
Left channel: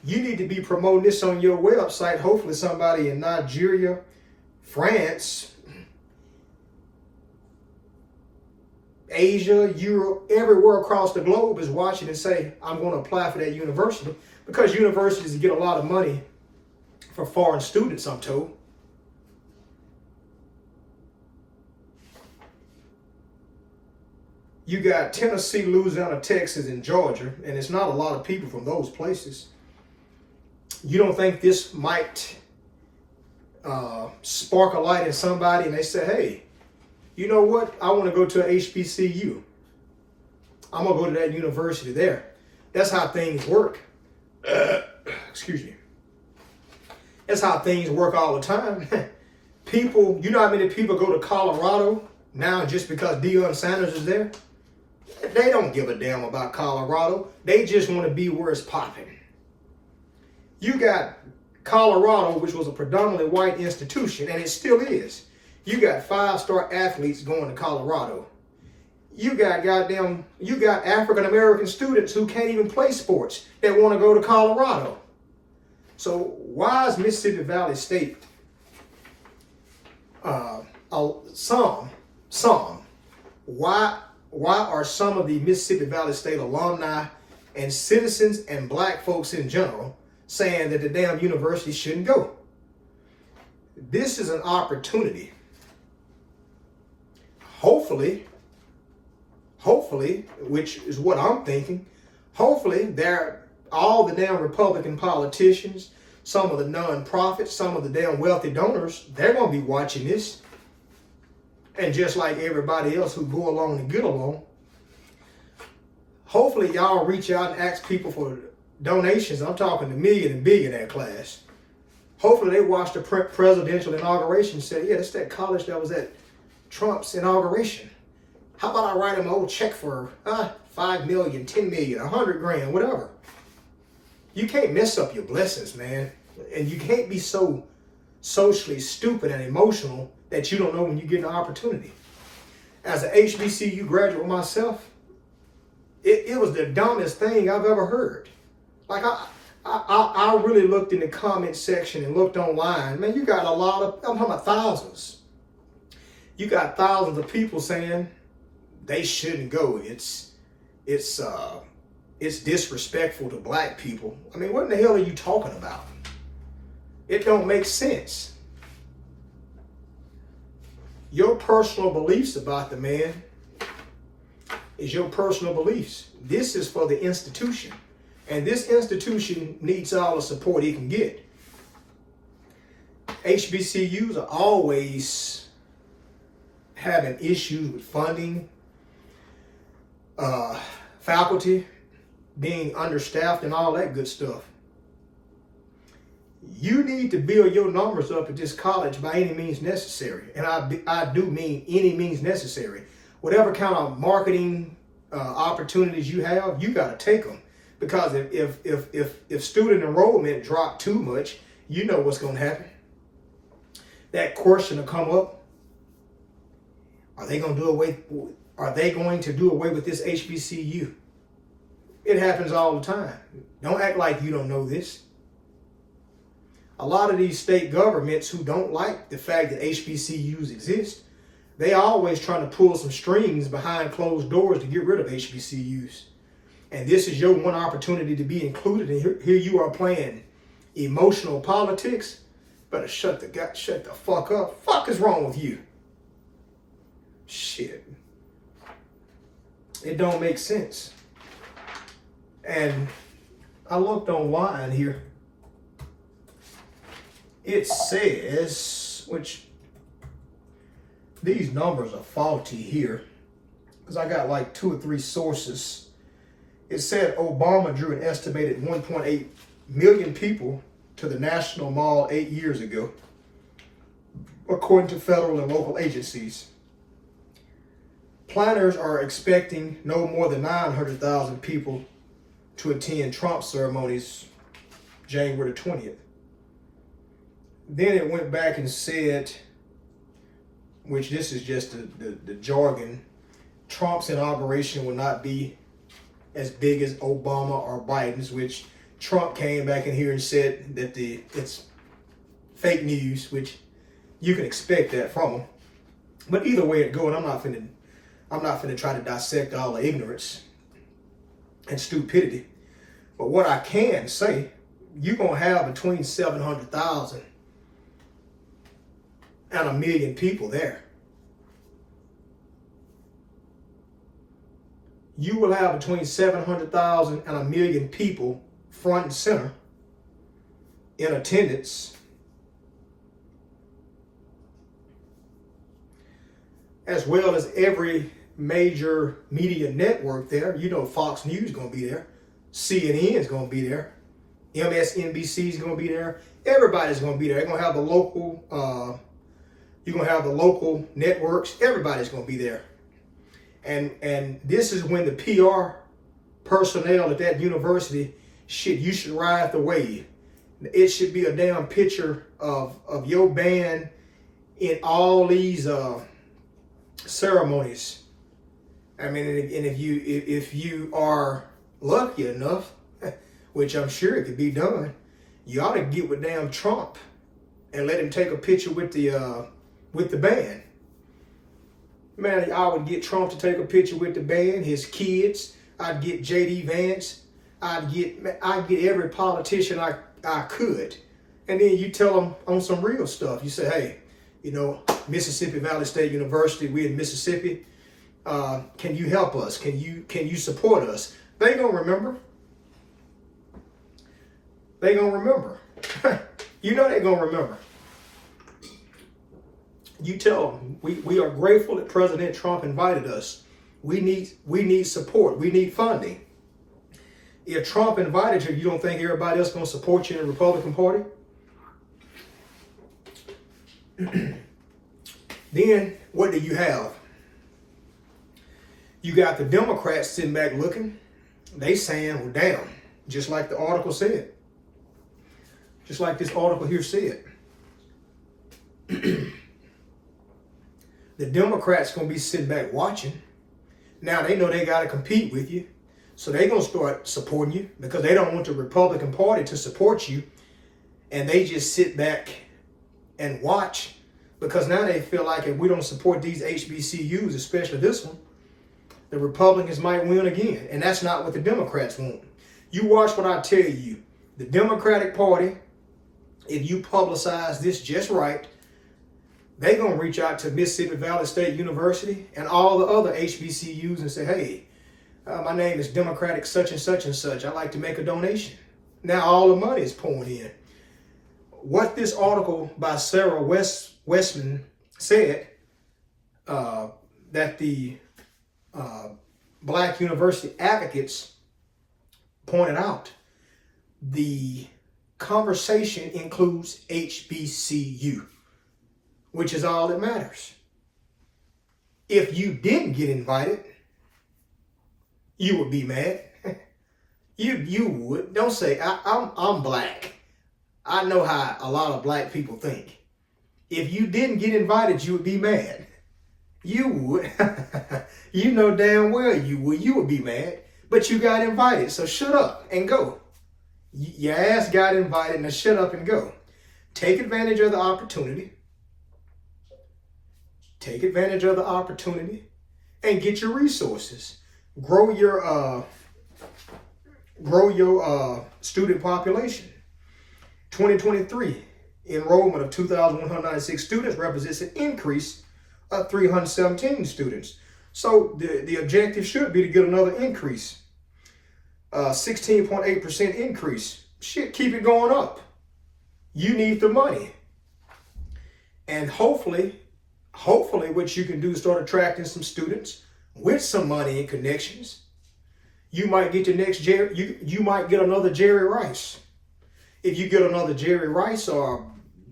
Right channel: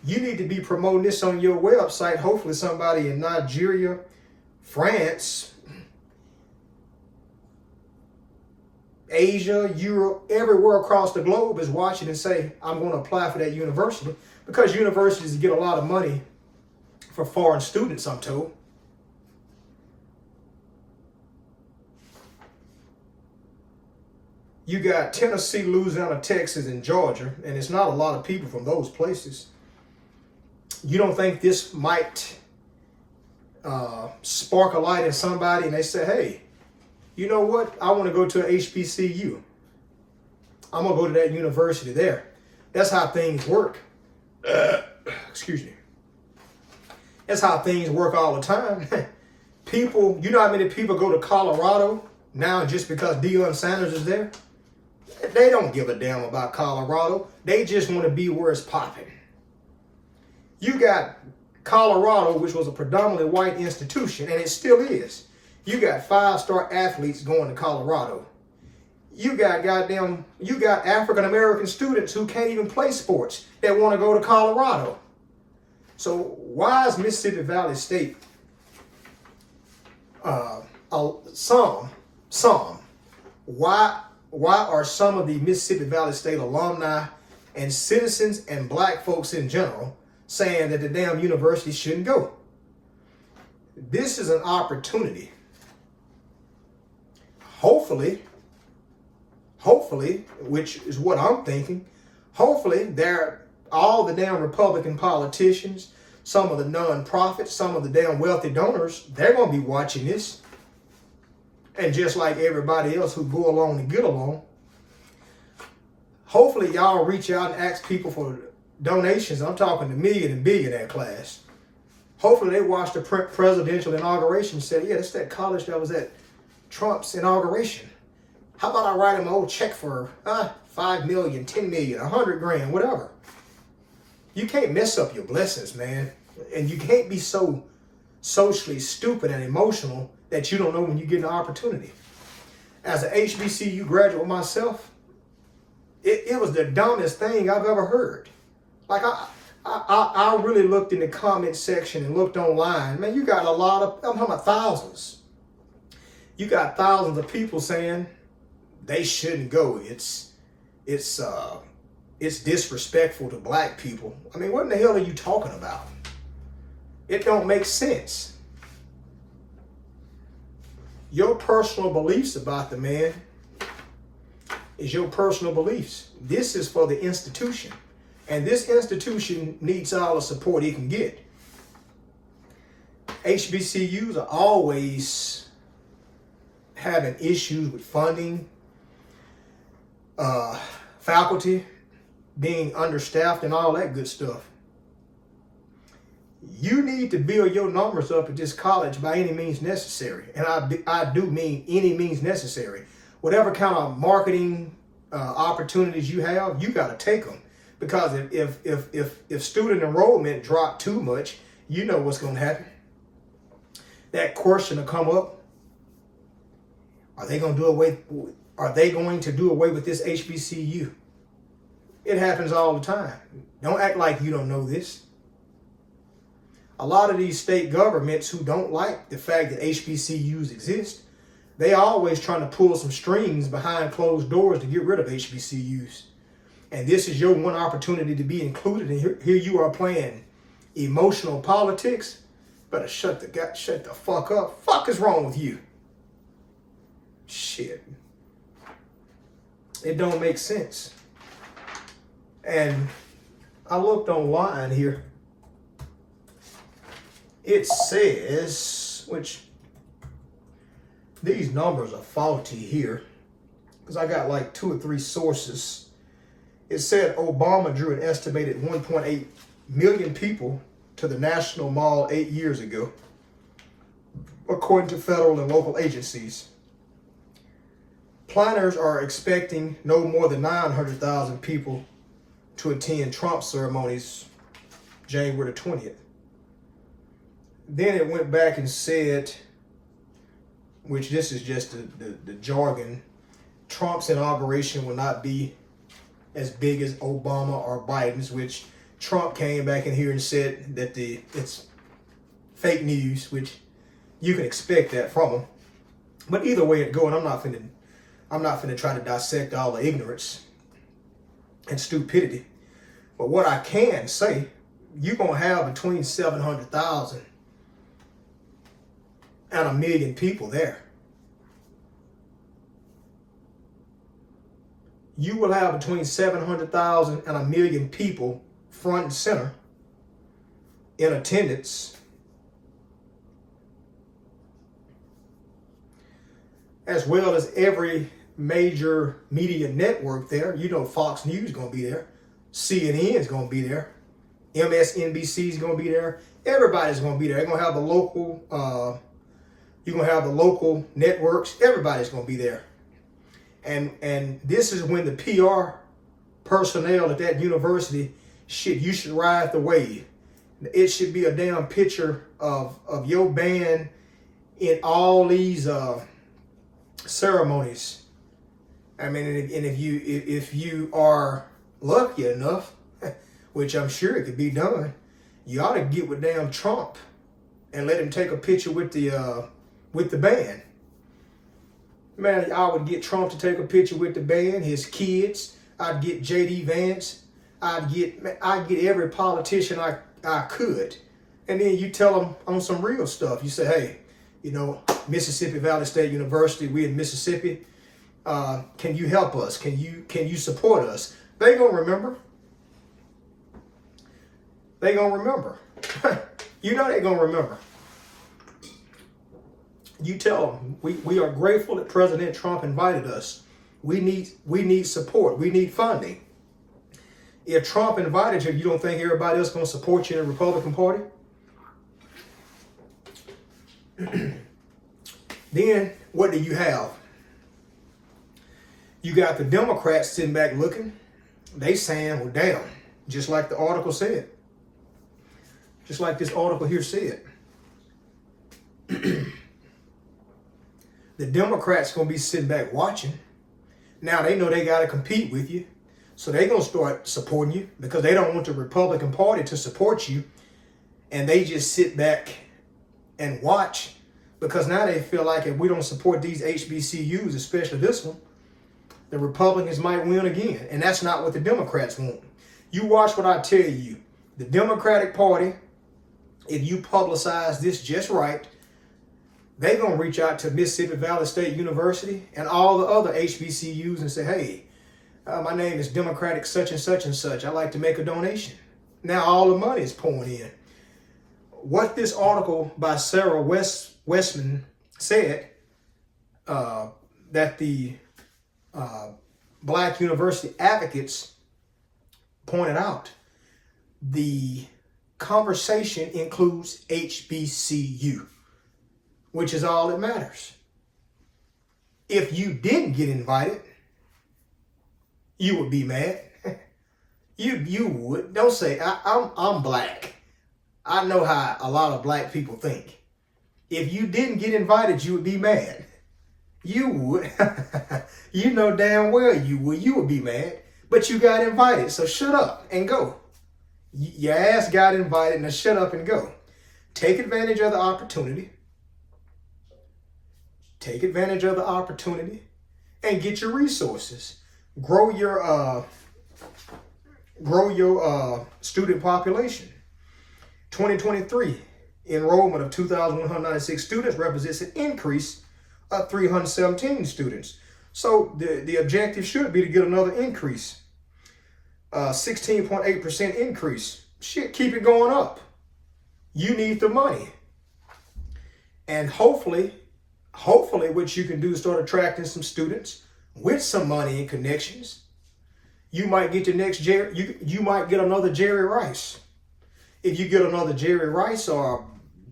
You need to be promoting this on your website. Hopefully somebody in Nigeria, France, Asia, Europe, everywhere across the globe is watching and say, I'm going to apply for that university, because universities get a lot of money for foreign students, I'm told. You got Tennessee, Louisiana, Texas, and Georgia, and it's not a lot of people from those places. You don't think this might spark a light in somebody and they say, hey, you know what? I want to go to an HBCU. I'm going to go to that university there. That's how things work. Excuse me. That's how things work all the time. People, you know how many people go to Colorado now just because Deion Sanders is there? They don't give a damn about Colorado. They just want to be where it's popping. You got Colorado, which was a predominantly white institution, and it still is. You got 5-star athletes going to Colorado. You got African American students who can't even play sports that want to go to Colorado. So why is Mississippi Valley State why are some of the Mississippi Valley State alumni and citizens and black folks in general saying that the damn university shouldn't go? This is an opportunity. Hopefully, which is what I'm thinking, hopefully all the damn Republican politicians, some of the non-profits, some of the damn wealthy donors, they're going to be watching this. And just like everybody else who go along and get along, hopefully y'all reach out and ask people for donations. I'm talking the million and billionaire class. Hopefully they watched the presidential inauguration and said, yeah, that's that college that was at Trump's inauguration. How about I write him an old check for $5 million, $10 million, $100,000, whatever. You can't mess up your blessings, man. And you can't be so socially stupid and emotional that you don't know when you get an opportunity. As an HBCU graduate myself, it was the dumbest thing I've ever heard. Like I really looked in the comment section and looked online. Man, you got I'm talking about thousands. You got thousands of people saying they shouldn't go. It's disrespectful to black people. I mean, what in the hell are you talking about? It don't make sense. Your personal beliefs about the man is your personal beliefs. This is for the institution. And this institution needs all the support it can get. HBCUs are always having issues with funding, faculty being understaffed and all that good stuff. You need to build your numbers up at this college by any means necessary. And I do mean any means necessary. Whatever kind of marketing opportunities you have, you got to take them. Because if student enrollment drop too much, you know what's going to happen. That question will come up. Are they going to do away with this HBCU? It happens all the time. Don't act like you don't know this. A lot of these state governments who don't like the fact that HBCUs exist, they always trying to pull some strings behind closed doors to get rid of HBCUs. And this is your one opportunity to be included. And here you are playing emotional politics. Better shut the fuck up. Fuck is wrong with you? Shit. It don't make sense. And I looked online here. It says, which these numbers are faulty here, because I got like 2 or 3 sources. It said Obama drew an estimated 1.8 million people to the National Mall 8 years ago, according to federal and local agencies. Planners are expecting no more than 900,000 people to attend Trump ceremonies January the 20th. Then it went back and said, which this is just the jargon, Trump's inauguration will not be as big as Obama or Biden's, which Trump came back in here and said that it's fake news, which you can expect that from him. But either way it goes, I'm not finna try to dissect all the ignorance and stupidity. But what I can say, you're gonna have between 700,000 and 1 million people there. You will have between 700,000 and 1 million people front and center in attendance, as well as every major media network there. You know, Fox News is going to be there. CNN is going to be there. MSNBC is going to be there. Everybody's going to be there. They're going to have the local, you're going to have the local networks. Everybody's going to be there. And this is when the PR personnel at that university, shit, you should ride the wave. It should be a damn picture of your band in all these ceremonies. I mean, and if you are lucky enough, which I'm sure it could be done, you ought to get with damn Trump and let him take a picture with the band. Man, I would get Trump to take a picture with the band, his kids. I'd get J.D. Vance. I'd get every politician I could. And then you tell them on some real stuff. You say, hey, you know, Mississippi Valley State University, we in Mississippi. Can you help us? Can you support us? They gonna remember. They gonna remember. You know they gonna remember. You tell them we are grateful that President Trump invited us. We need support. We need funding. If Trump invited you, you don't think everybody else gonna support you in the Republican Party? Then what do you have? You got the Democrats sitting back looking. They saying, well, damn, just like the article said. Just like this article here said. The Democrats going to be sitting back watching. Now they know they got to compete with you. So they're going to start supporting you because they don't want the Republican Party to support you. And they just sit back and watch because now they feel like if we don't support these HBCUs, especially this one, the Republicans might win again. And that's not what the Democrats want. You watch what I tell you. The Democratic Party, if you publicize this just right, they're going to reach out to Mississippi Valley State University and all the other HBCUs and say, hey, my name is Democratic such and such and such. I'd like to make a donation. Now all the money is pouring in. What this article by Sarah Westman said, that the Black University advocates pointed out, the conversation includes HBCU, which is all that matters. If you didn't get invited, you would be mad. You would. Don't say, I'm black. I know how a lot of black people think. If you didn't get invited, you would be mad. You would. You know damn well you would. You would be mad. But you got invited, so shut up and go. Your ass got invited, now shut up and go. Take advantage of the opportunity. Take advantage of the opportunity and get your resources. Grow your student population. 2023 enrollment of 2,196 students represents an increase of 317 students. So the objective should be to get another increase. 16.8% increase. Shit, keep it going up. You need the money. And hopefully what you can do is start attracting some students with some money and connections. You might get the next Jerry, you might get another Jerry Rice. If you get another Jerry Rice or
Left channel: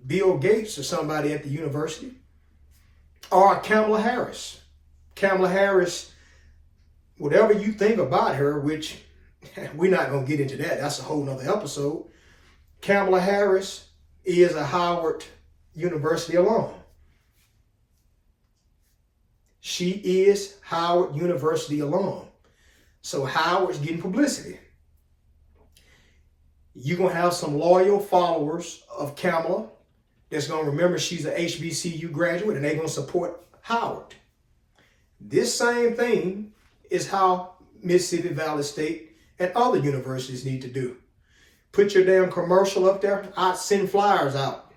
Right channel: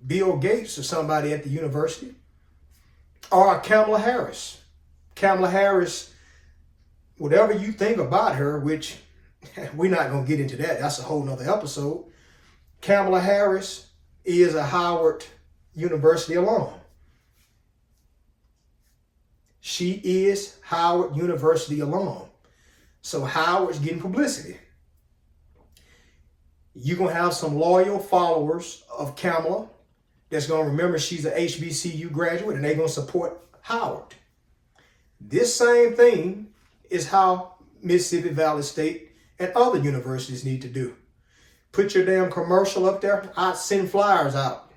Bill Gates or somebody at the university, or Kamala Harris. Kamala Harris, whatever you think about her, which we're not going to get into that. That's a whole nother episode. Kamala Harris is a Howard University alum. She is Howard University alum. So Howard's getting publicity. You're going to have some loyal followers of Kamala that's going to remember she's an HBCU graduate and they're going to support Howard. This same thing is how Mississippi Valley State and other universities need to do. Put your damn commercial up there. I'd send flyers out.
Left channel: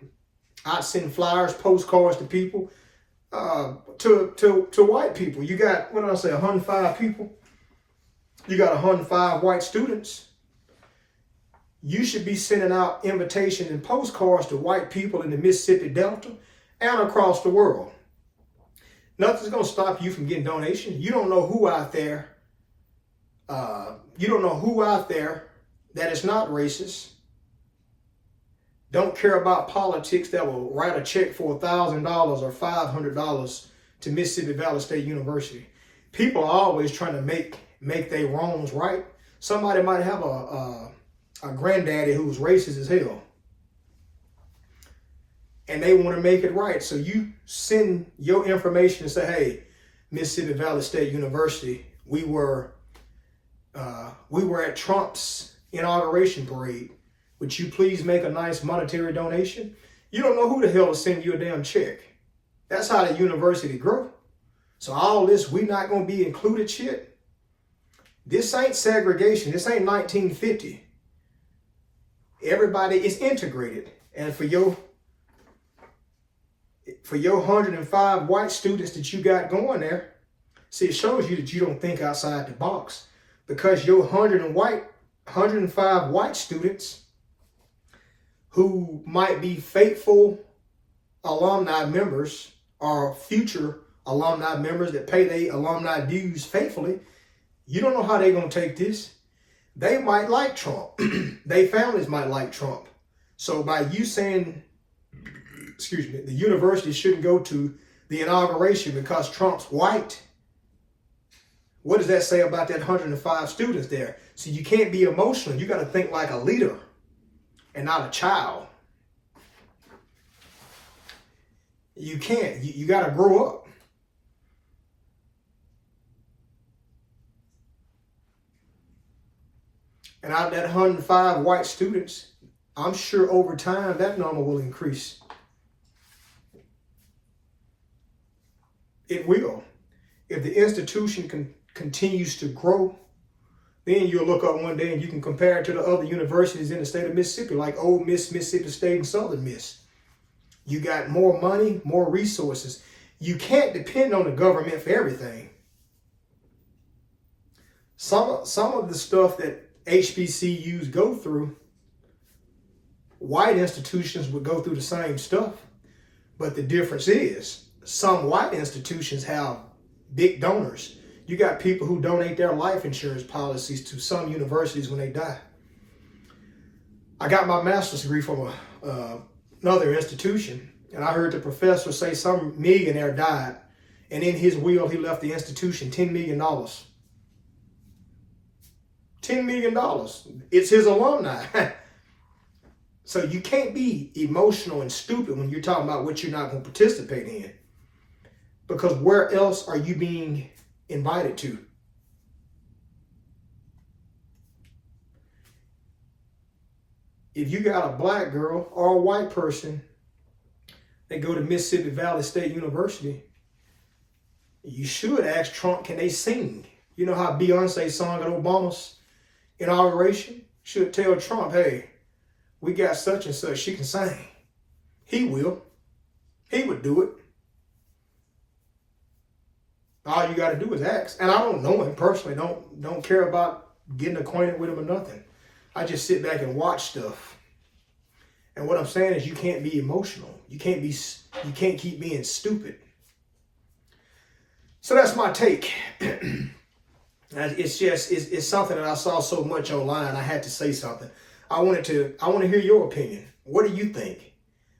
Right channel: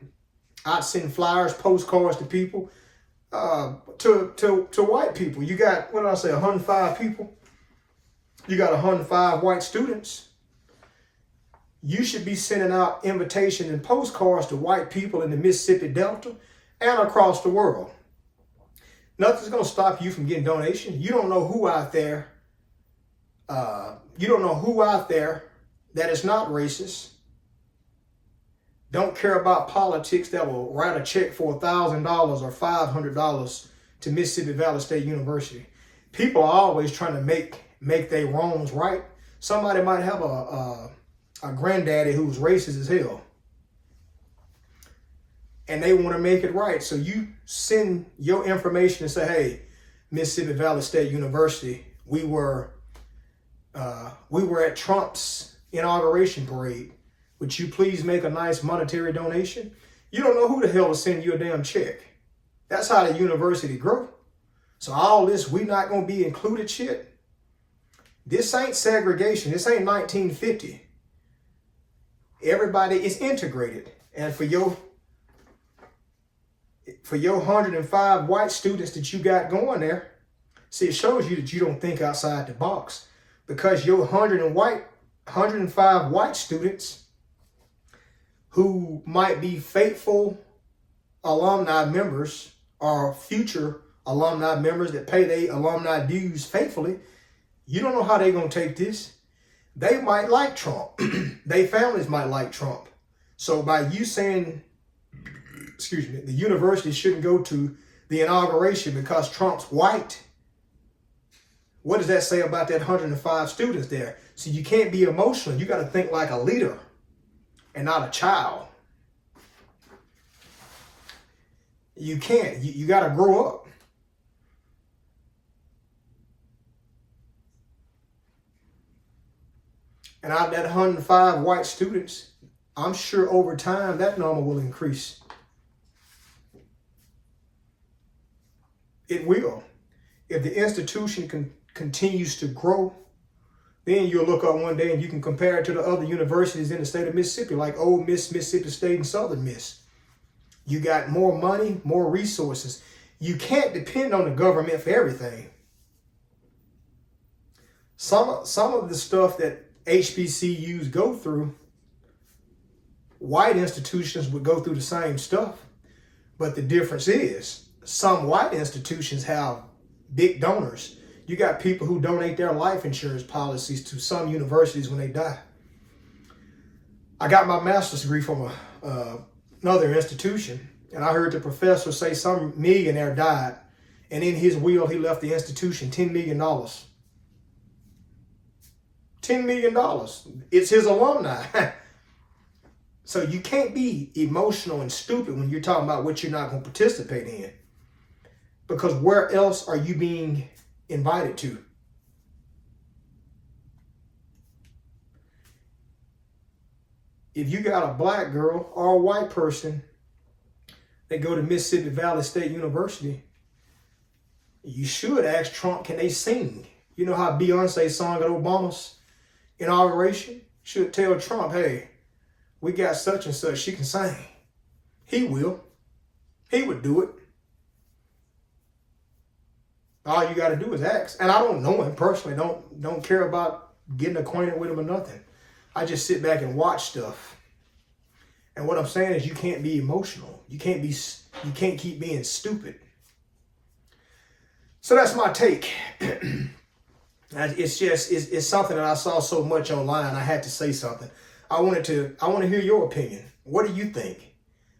I'd send flyers, postcards to people, to white people. You got, what did I say, 105 people? You got 105 white students. You should be sending out invitations and postcards to white people in the Mississippi Delta and across the world. Nothing's going to stop you from getting donations. You don't know who out there. You don't know who out there that is not racist. Don't care about politics that will write a check for $1,000 or $500 to Mississippi Valley State University. People are always trying to make their wrongs right. Somebody might have a granddaddy who's racist as hell, and they want to make it right. So you send your information and say, hey, Mississippi Valley State University, we were at Trump's inauguration parade. Would you please make a nice monetary donation? You don't know who the hell will send you a damn check. That's how the university grow. So all this, we not going to be included shit. This ain't segregation. This ain't 1950. Everybody is integrated. And for your 105 white students that you got going there, see, it shows you that you don't think outside the box. Because your 105 white students who might be faithful alumni members or future alumni members that pay their alumni dues faithfully, you don't know how they're going to take this. They might like Trump. Their families might like Trump. So by you saying, excuse me, the university shouldn't go to the inauguration because Trump's white, what does that say about that 105 students there? So you can't be emotional. You got to think like a leader and not a child. You can't. You got to grow up. And out of that 105 white students, I'm sure over time that number will increase. It will. If the institution continues to grow, then you'll look up one day and you can compare it to the other universities in the state of Mississippi, like Ole Miss, Mississippi State, and Southern Miss. You got more money, more resources. You can't depend on the government for everything. Some of the stuff that HBCUs go through, white institutions would go through the same stuff. But the difference is some white institutions have big donors. You got people who donate their life insurance policies to some universities when they die. I got my master's degree from another institution, and I heard the professor say some millionaire died, and in his will, he left the institution $10 million. $10 million. It's his alumni. So you can't be emotional and stupid when you're talking about what you're not going to participate in. Because where else are you being invited to? If you got a black girl or a white person that go to Mississippi Valley State University, you should ask Trump, can they sing? You know how Beyonce sung at Obama's inauguration? Should tell Trump, hey, we got such and such, she can sing. He will. He would do it. All you got to do is ask. And I don't know him personally. Don't care about getting acquainted with him or nothing. I just sit back and watch stuff. And what I'm saying is you can't be emotional. You can't keep being stupid. So that's my take. It's something that I saw so much online. I had to say something. I want to hear your opinion. What do you think?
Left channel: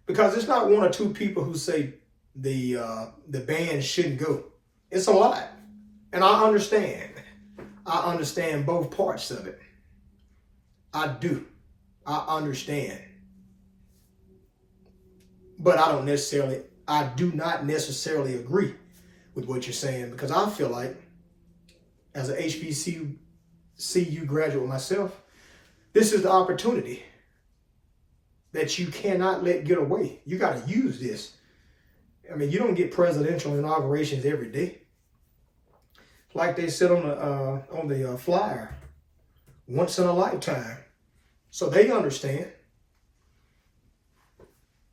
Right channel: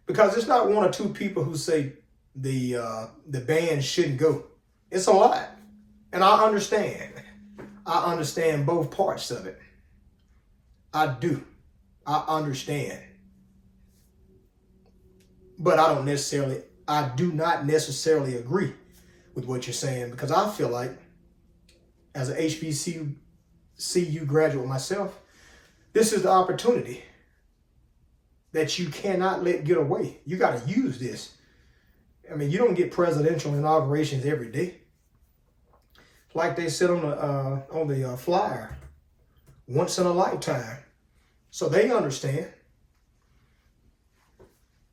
Because it's not one or two people who say the band shouldn't go. It's a lot. And I understand. I understand both parts of it. I do. I understand. But I do not necessarily agree with what you're saying, because I feel like, as an HBCU graduate myself, this is the opportunity that you cannot let get away. You got to use this. I mean, you don't get presidential inaugurations every day. Like they said on the flyer, once in a lifetime. So they understand.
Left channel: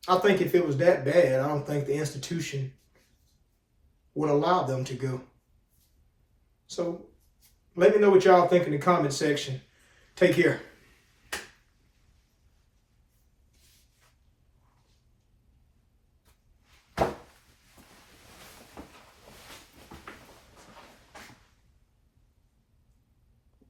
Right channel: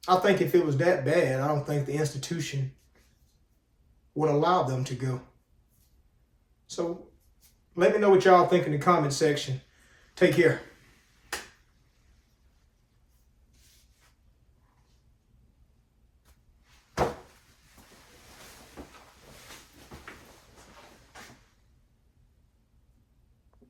I think if it was that bad, I don't think the institution would allow them to go. So let me know what y'all think in the comment section. Take care.